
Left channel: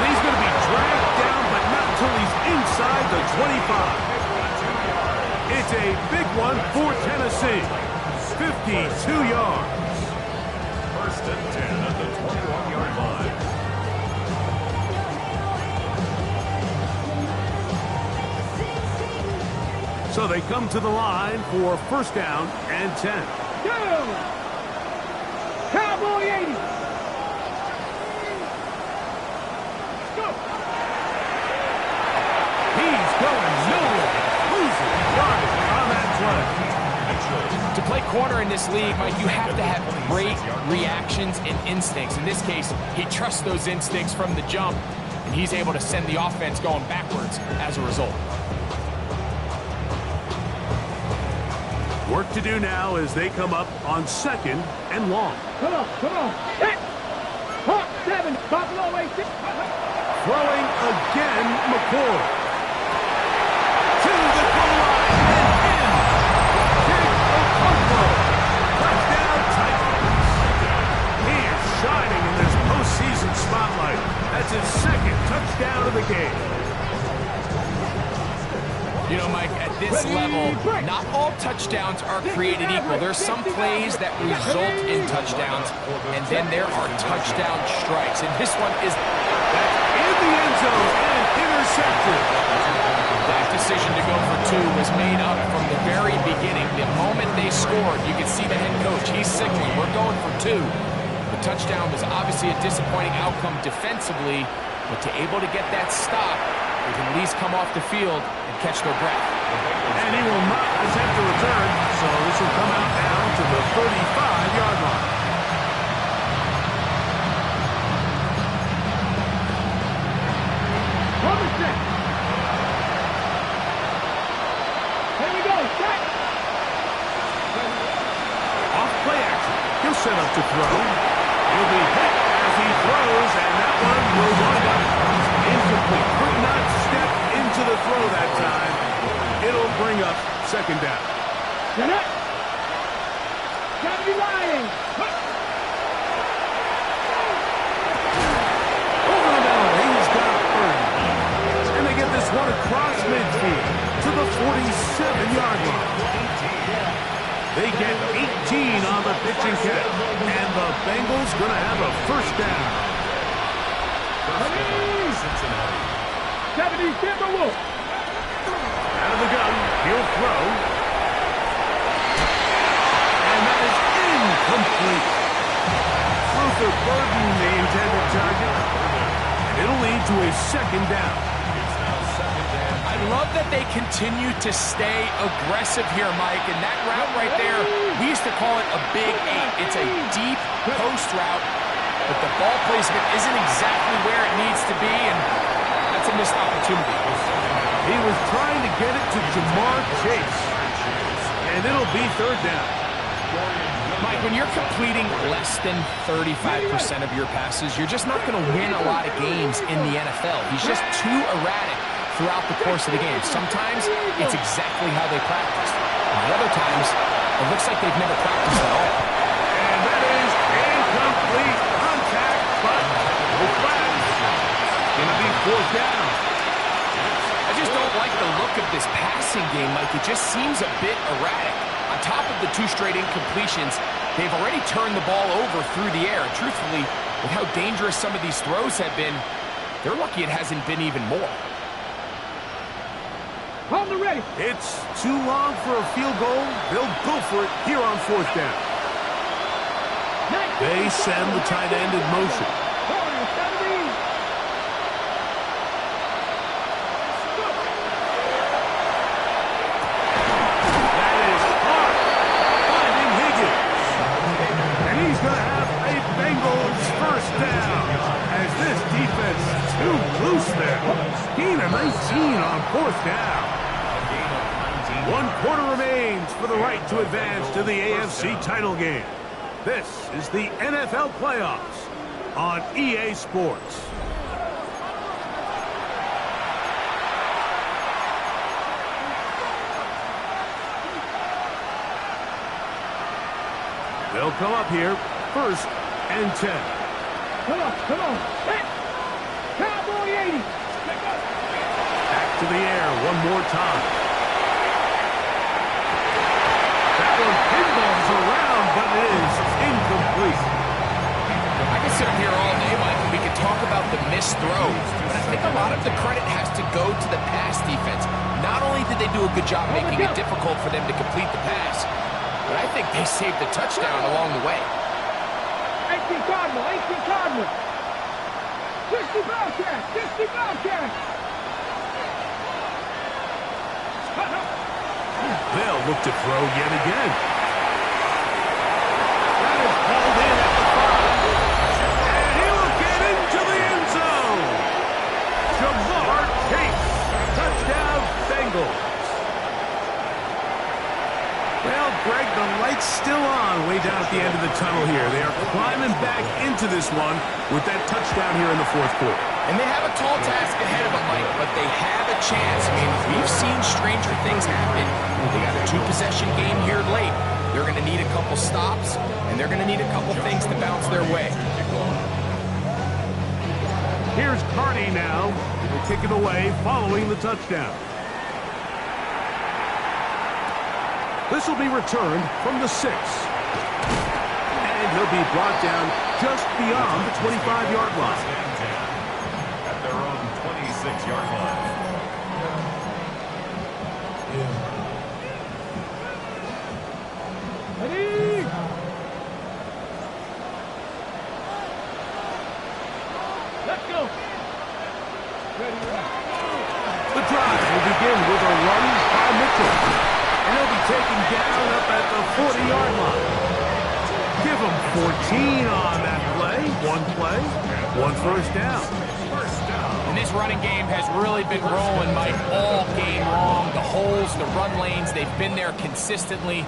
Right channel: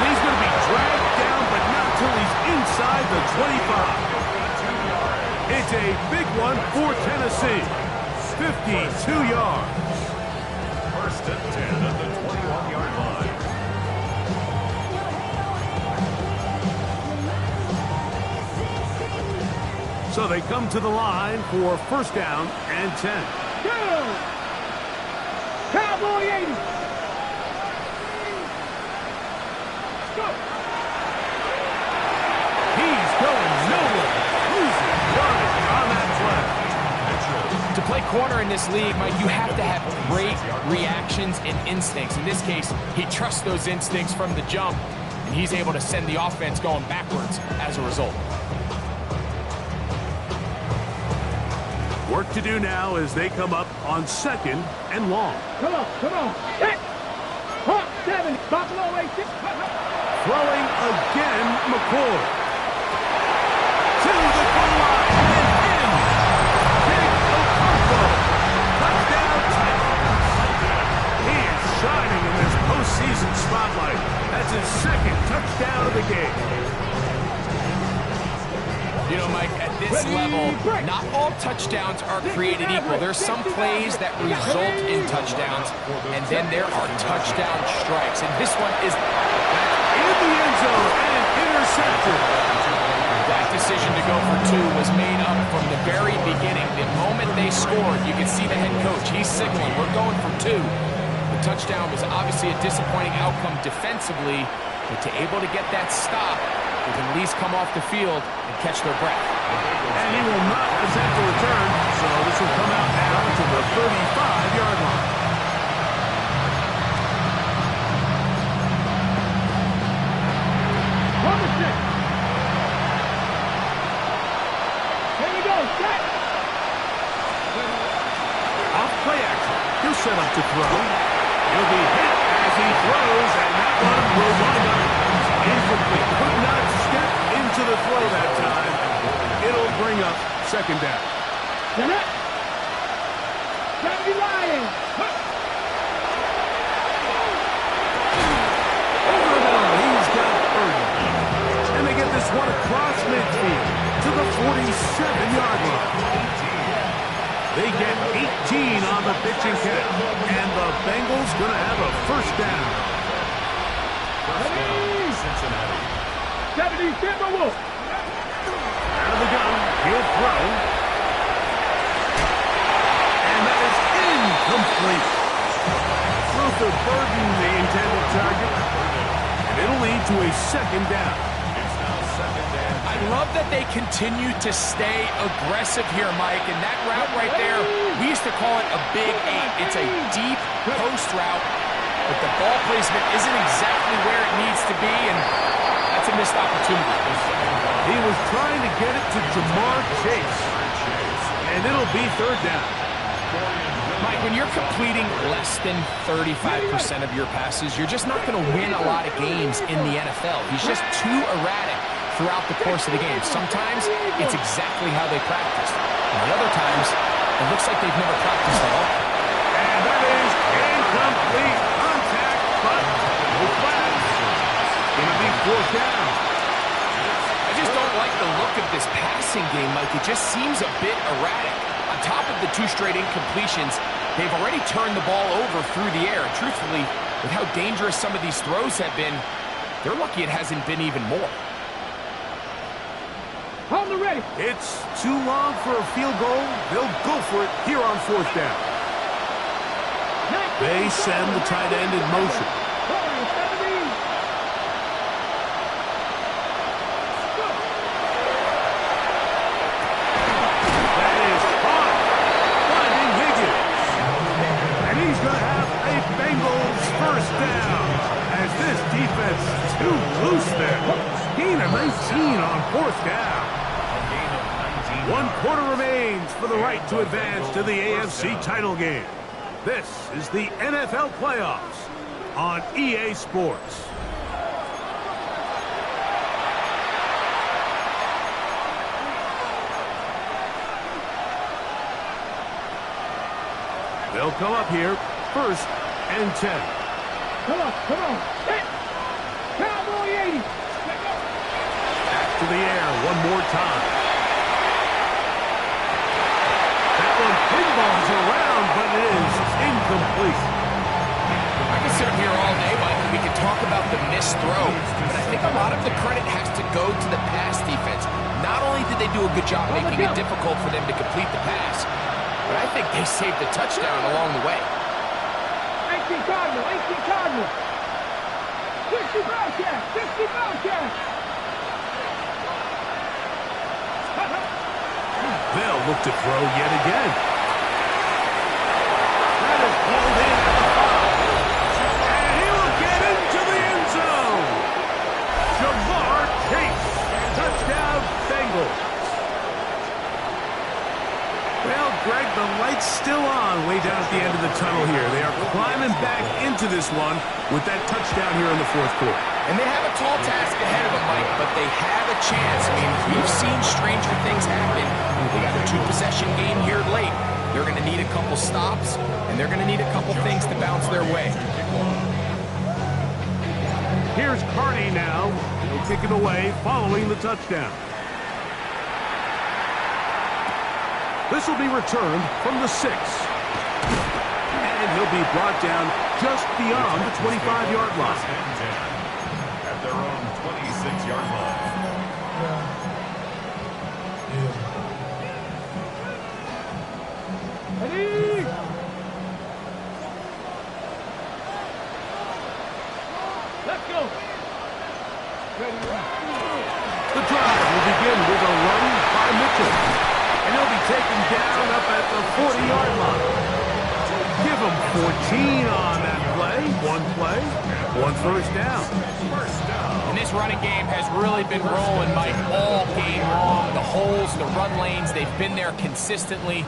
And he's going to be dragged down, but not until he's inside the 25. It's a big one for Tennessee. 52 yards. 1st and 10 at the 21-yard line. So they come to the line for 1st down and 10. Go! Cowboy 80. Go! He's going nowhere. Losing yardage on that play. To play corner in this league, Mike, you have to have great reactions and instincts. In this case, he trusts those instincts from the jump, and he's able to send the offense going backwards as a result. Work to do now as they come up on 2nd and long. Come on, come on. Hit! Hawk 7, Buffalo 86. Throwing again, McCord. To the goal line and in. Big Okonkwo. Touchdown Titans. He is shining in this postseason spotlight. That's his 2nd touchdown of the game. You know, Mike, at this level, not all touchdowns are created equal. There's some plays that result in touchdowns, and then there are touchdown strikes. And this one is in the end zone and intercepted. That decision to go for 2 was made up from the very beginning. The moment they scored, you could see the head coach. He's signaling, we're going for 2. The touchdown was obviously a disappointing outcome defensively, but to able to get that stop, they can at least come off the field and catch their breath. And he will not attempt to return, so this will come out now to the 35-yard line. Number 6. Here we go, set. Off play action. He'll set up to throw. He'll be hit as he throws, and that one will wind up incomplete. Could not step into the throw that time. It'll bring up 2nd down. Set. Gotta be lying. Over the middle, he's got 30. And they get this one across midfield to the 47-yard line. They get 18 on the pitch and catch. And the Bengals going to have a 1st down. 1st down, Cincinnati. 70 Timberwolves. Out of the gun, he'll throw. And that is incomplete. Luther Burden, the intended target. And it'll lead to a 2nd down. It's now 2nd down. I love that they continue to stay aggressive here, Mike. And that route right there, we used to call it a big 8. It's a deep post route, but the ball placement isn't exactly where it needs to be, and that's a missed opportunity. He was trying to get it to Jamar Chase. And it'll be 3rd down. Dorian Mike, when you're completing less than 35% of your passes, you're just not going to win a lot of games in the NFL. He's just too erratic throughout the course of the game. Sometimes it's exactly how they practice. And other times, it looks like they've never practiced at all. And that is incomplete contact, but no flags. It's going to be fourth down. I just don't like the look of this passing game, Mike. It just seems a bit erratic. On top of the 2 straight incompletions, they've already turned the ball over through the air. And truthfully, with how dangerous some of these throws have been, they're lucky it hasn't been even more. Hold the ready. It's too long for a field goal. They'll go for it here on fourth down. They send the tight end in motion. That is hot. Finding Higgins. And he's going to have a Bengals first down as this defense is too loose there. Gain of 19 on fourth down. 1 quarter remains for the right to advance to the AFC title game. This is the NFL playoffs on EA Sports. They'll come up here, 1st and 10. Come on. Set. Cowboy 80. Let go. Back to the air one more time. That one pinballs around, but it is incomplete. I can sit up here all day, Mike, and we can talk about the missed throw, but I think a lot of the credit has to go to the pass defense. Not only did they do a good job making it difficult for them to complete the pass, but I think they saved the touchdown along the way. 18 Cardinal. 60 Bobcat. They'll look to throw yet again. That is hauled in at the 5. And he will get into the end zone. Jamar Chase. Touchdown, Bengals. Well, Greg, the light's still on way down at the end of the tunnel here. They are climbing back into this one with that touchdown here in the 4th quarter. And they have a tall task ahead of them, Mike, but they have a chance. I mean, we've seen stranger things happen. They got a 2-possession game here late. They're going to need a couple stops, and they're going to need a couple things to bounce their way. Here's Carney now. He'll kick it away following the touchdown. This will be returned from the 6. And he'll be brought down just beyond the 25-yard line. At their own 26-yard line. Ready. Let's go. Ready. The drive will begin with a run by Mitchell. And he'll be taken down up at the 40-yard line. Give him 14 on that play. 1 play, 1 first down. And this running game has really been rolling, Mike, all game long. The holes, the run lanes, they've been there consistently.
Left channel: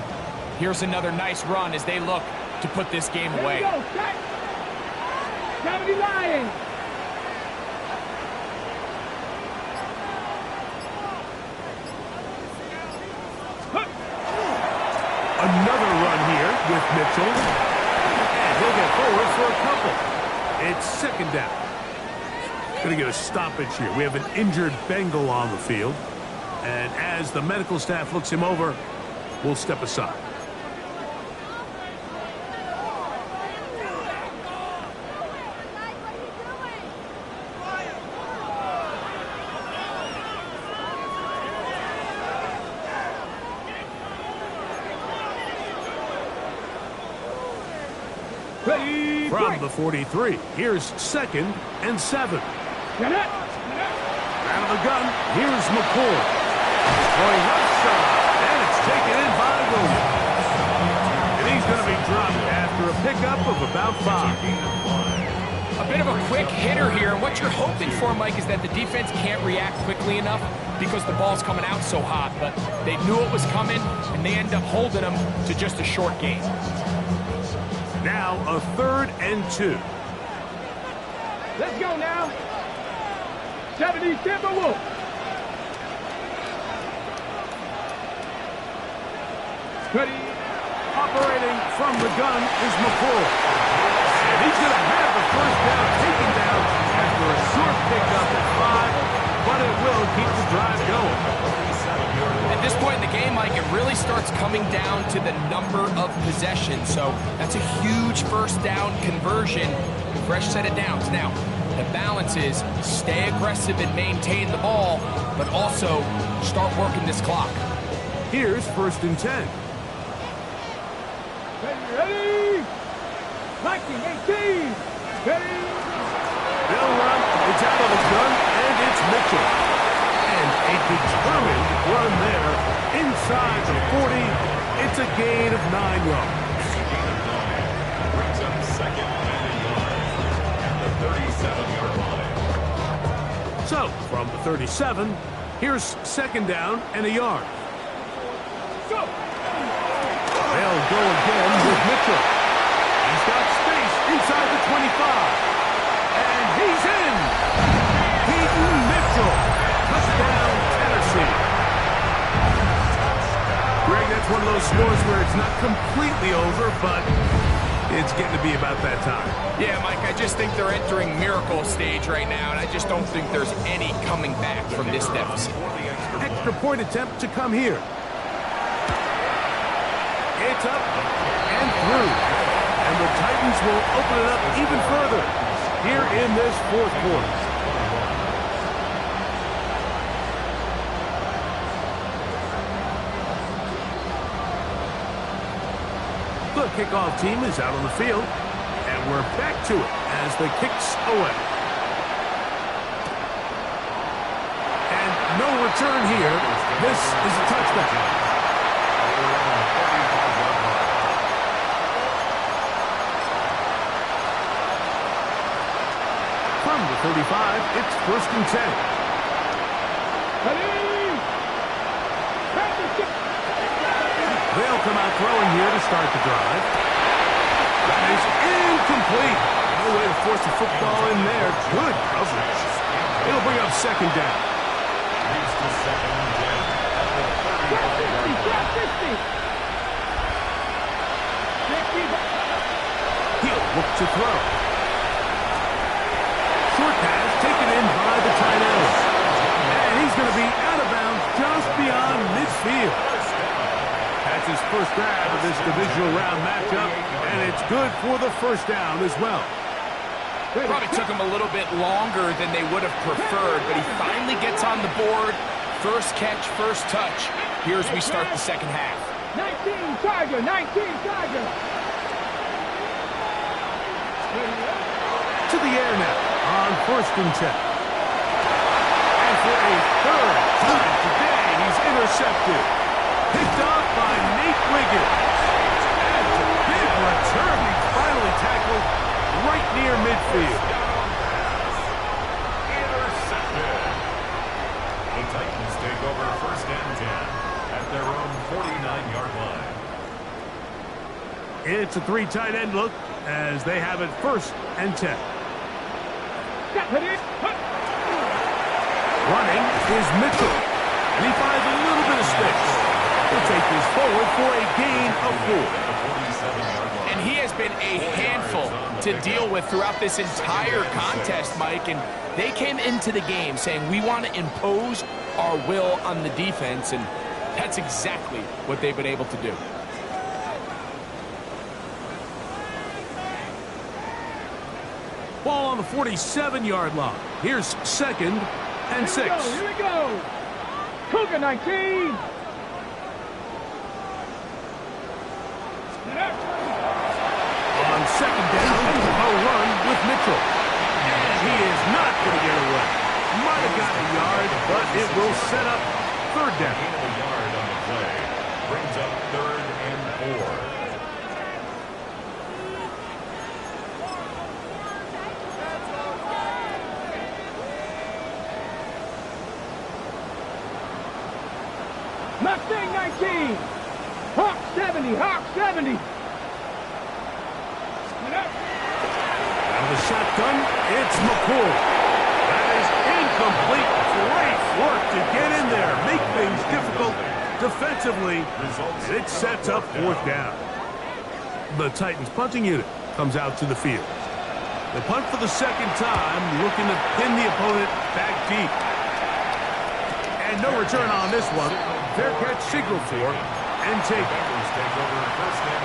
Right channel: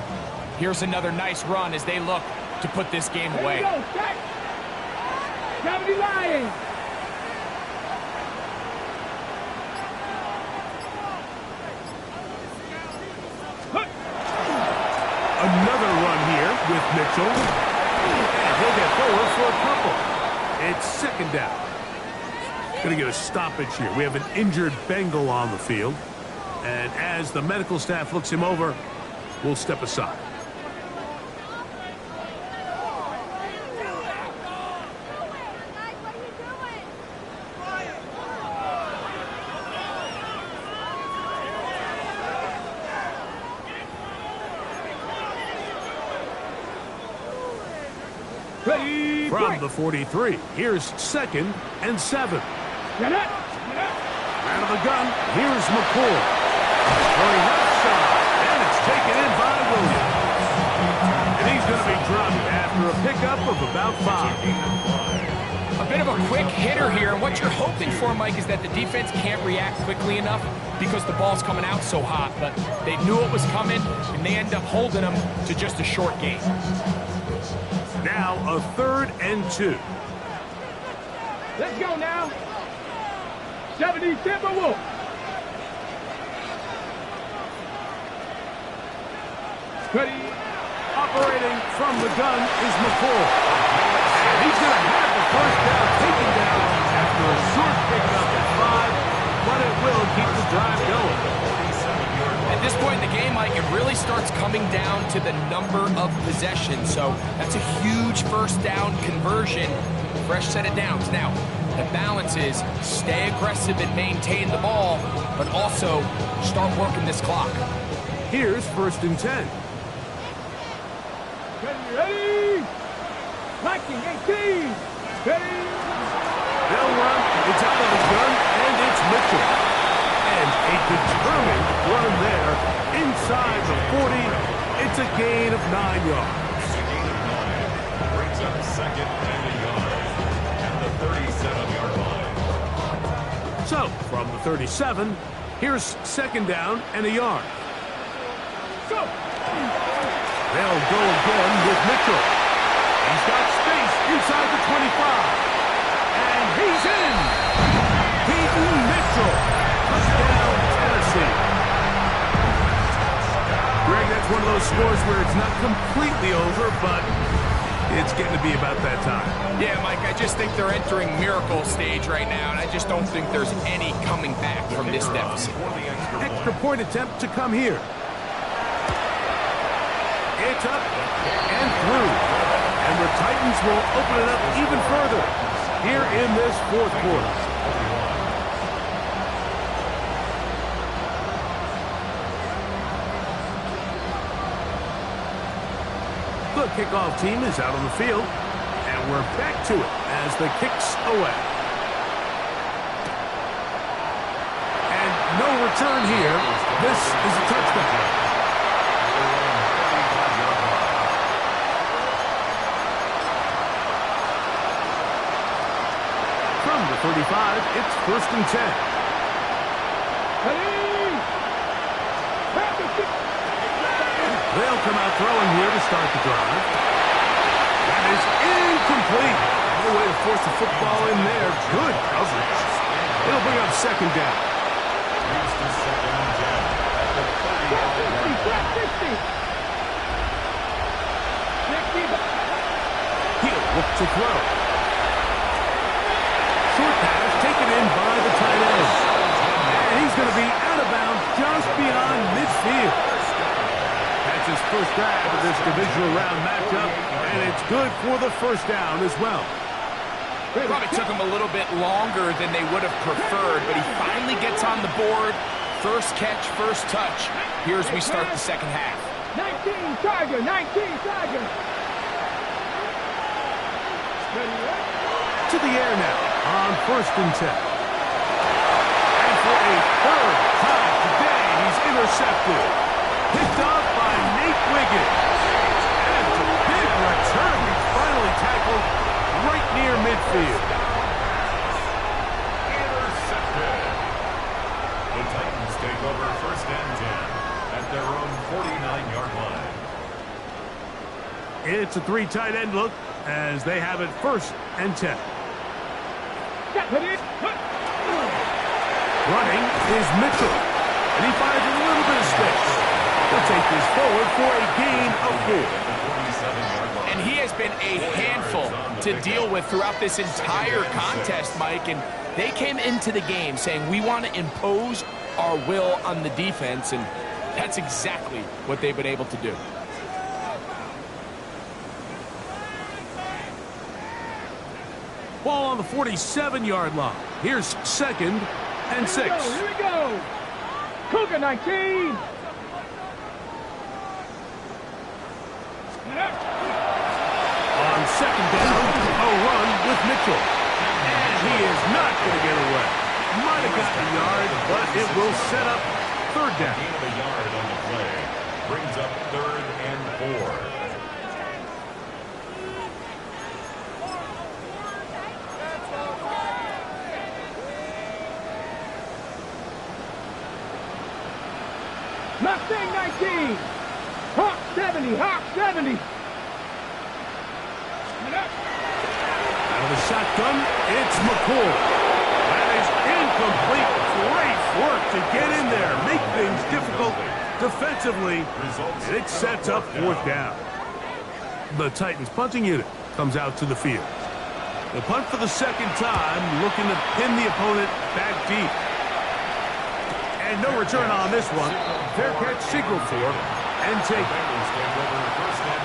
Here's another nice run as they look to put this game away. Here we go. Set. 70 Lions. Another run here with Mitchell. And he'll get forward for a couple. It's 2nd down. Going to get a stoppage here. We have an injured Bengal on the field. And as the medical staff looks him over, we'll step aside. Ready. From the 43, here's 2nd and 7. Get it. Out of the gun, here's McCord. Throwing left side, and it's taken in by Williams. And he's going to be dropped after a pickup of about 5. A bit of a quick hitter here, and what you're hoping for, Mike, is that the defense can't react quickly enough because the ball's coming out so hot, but they knew it was coming, and they end up holding them to just a short gain. Now a 3rd and 2. Let's go now. 70 Timberwolves. Ready. Operating from the gun is McCall. And he's going to have the first down taken down after a short pickup at 5, but it will keep the drive going. At this point in the game, Mike, it really starts coming down to the number of possessions. So that's a huge first down conversion. Fresh set of downs. Now, the balance is stay aggressive and maintain the ball, but also start working this clock. Here's 1st and 10. Ready. 19, 18. Ready. They'll run. It's out of the gun, and it's Mitchell. And a determined run there inside the 40. It's a gain of 9 yards. It's a gain of 9. Brings up 2nd and a yard at the 37-yard line. So, from the 37, here's 2nd down and a yard. Go. They'll go again with Mitchell. He's got space inside the 25. And he's in. Peyton Mitchell. Touchdown, Tennessee. Greg, that's one of those scores where it's not completely over, but it's getting to be about that time. Yeah, Mike, I just think they're entering miracle stage right now, and I just don't think there's any coming back from this deficit. Extra point attempt to come here. It's up and through. And the Titans will open it up even further here in this 4th quarter. The kickoff team is out on the field, and we're back to it as the kick's away. And no return here. This is a touchdown. From the 35, it's 1st and 10. Ready. They'll come out throwing here to start the drive. That is incomplete. No way to force the football in there. Good coverage. It'll bring up 2nd down. Leads to 2nd and 10 at the 35-yard line. 60. He'll look to throw. Short pass taken in by the tight end. And he's going to be out of bounds just beyond midfield. That's his first grab of this divisional round matchup, and it's good for the 1st down as well. Probably took him a little bit longer than they would have preferred, but he finally gets on the board. First catch, first touch. Here's we start the 2nd half. 19 Tiger, 19 Tiger. To the air now on 1st and 10. And for a 3rd time today, he's intercepted. Picked off by Nate Wiggins. And it's a big return. He finally tackled right near midfield. Intercepted. The Titans take over 1st and 10 at their own 49-yard line. It's a 3 tight end look as they have it 1st and 10. Running is Mitchell. And he finds a little bit of space. He'll take this forward for a gain of 4. And he has been a handful to deal with throughout this entire contest, Mike. And they came into the game saying, we want to impose our will on the defense. And that's exactly what they've been able to do. Ball on the 47-yard line. Here's 2nd and 6. Here we go. Cougar 19. On 2nd down, a run with Mitchell. And he is not going to get away. Might have gotten a yard, but it will set up 3rd down. Gain of a yard on the play. Brings up 3rd and 4. Mustang 19. Hawk 70. Hawk 70. Out of the shotgun, it's McCoy. That is incomplete. Great work to get in there, make things difficult defensively, and it sets up fourth down. The Titans punting unit comes out to the field. The punt for the second time, looking to pin the opponent back deep. And no return on this one. Fair catch signal for and take.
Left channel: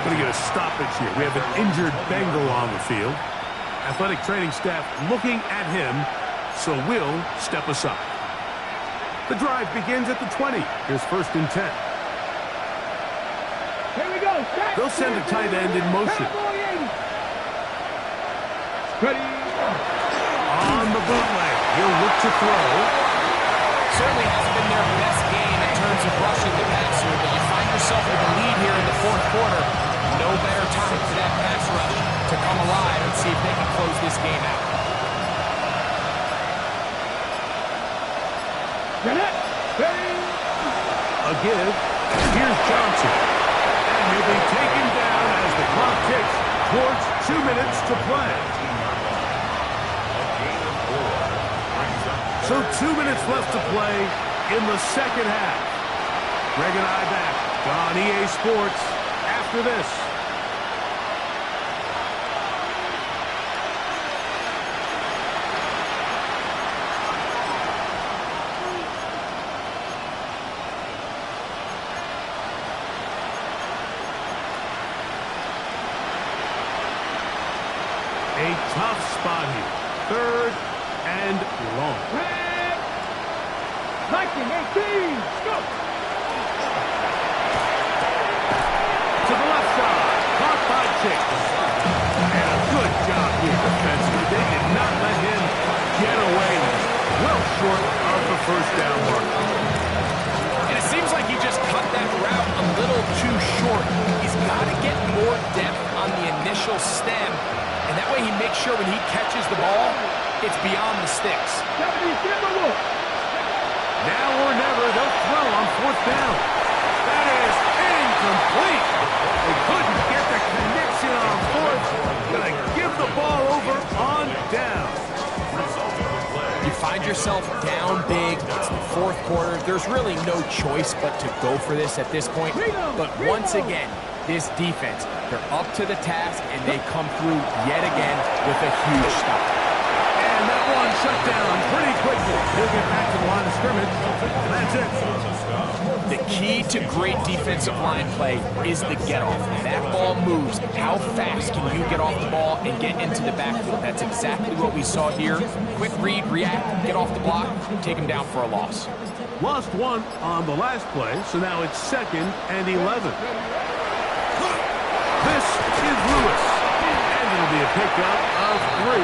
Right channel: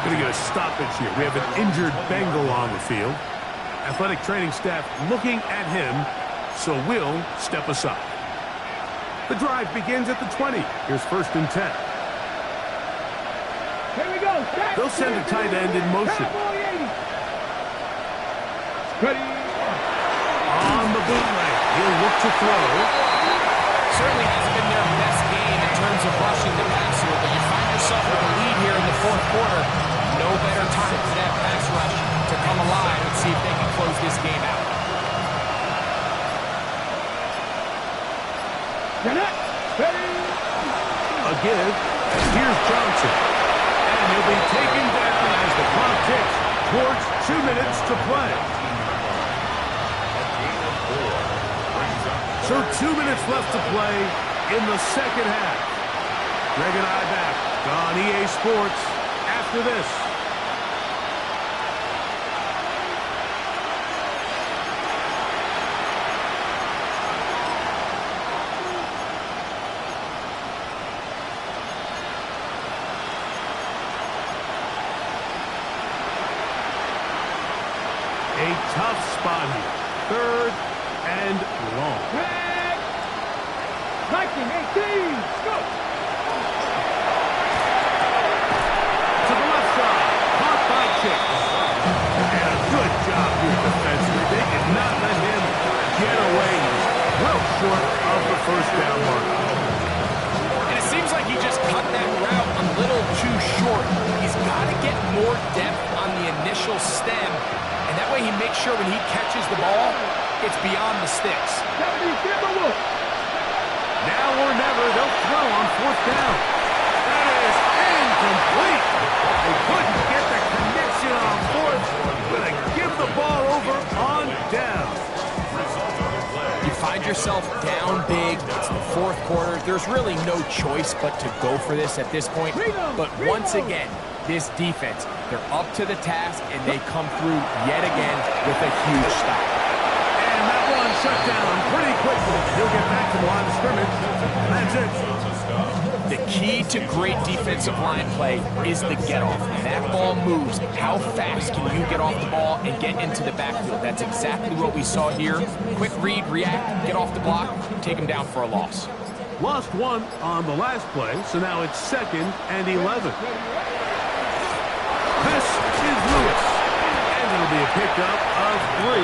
Going to get a stoppage here. We have an injured Bengal on the field. Athletic training staff looking at him, so we'll step aside. The drive begins at the 20. Here's 1st and 10. Here we go. They'll send a tight end in motion. Ready. On the bootleg, he'll look to throw. Certainly hasn't been their best game in terms of rushing the passer, but you find yourself with a lead here in the fourth quarter. No better time for that pass rush to come alive and see if they can close this game out. A give. Here's Johnson. And he'll be taken down as the clock ticks towards 2 minutes to play. So 2 minutes left to play in the second half. Greg and I back on EA Sports after this. A tough spot here. 3rd and long. 1918, go! To the left side, caught by Chase. And a good job here defensively. They did not let him get away. He's well short of the first down mark. And it seems like he just cut that route a little too short. He's got to get more depth on the initial stem, and that way he makes sure when he catches the ball, it's beyond the sticks. Now or never, they'll throw on 4th down. That is incomplete. They couldn't get the connection on 4th. Gonna give the ball over on down. You find yourself down big. It's the fourth quarter. There's really no choice but to go for this at this point. But once again, this defense, they're up to the task, and they come through yet again with a huge stop. And that one shut down pretty quickly. He'll get back to the line of scrimmage, and that's it. The key to great defensive line play is the get-off. That ball moves. How fast can you get off the ball and get into the backfield? That's exactly what we saw here. Quick read, react, get off the block, take him down for a loss. Lost one on the last play, so now it's 2nd and 11. This is Lewis. And it'll be a pickup of 3.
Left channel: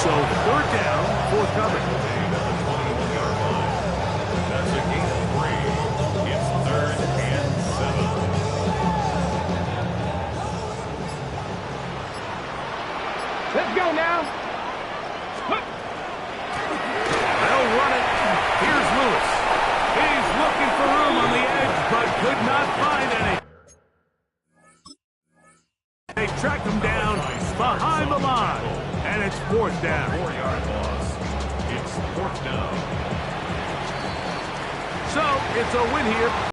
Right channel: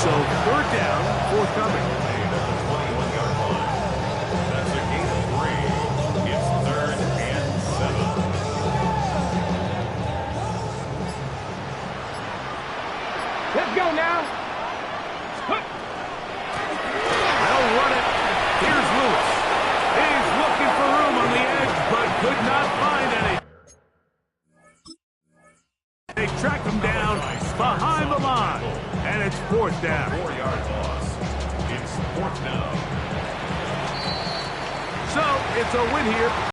So 3rd down, forthcoming. At the 21-yard line. That's a gain of 3. It's 3rd and 7. Let's go now. They'll run it. Here's Lewis. He's looking for room on the edge, but could not find any. They track him down behind the line, and it's 4th down. 4-yard loss. It's 4th down. So it's a win here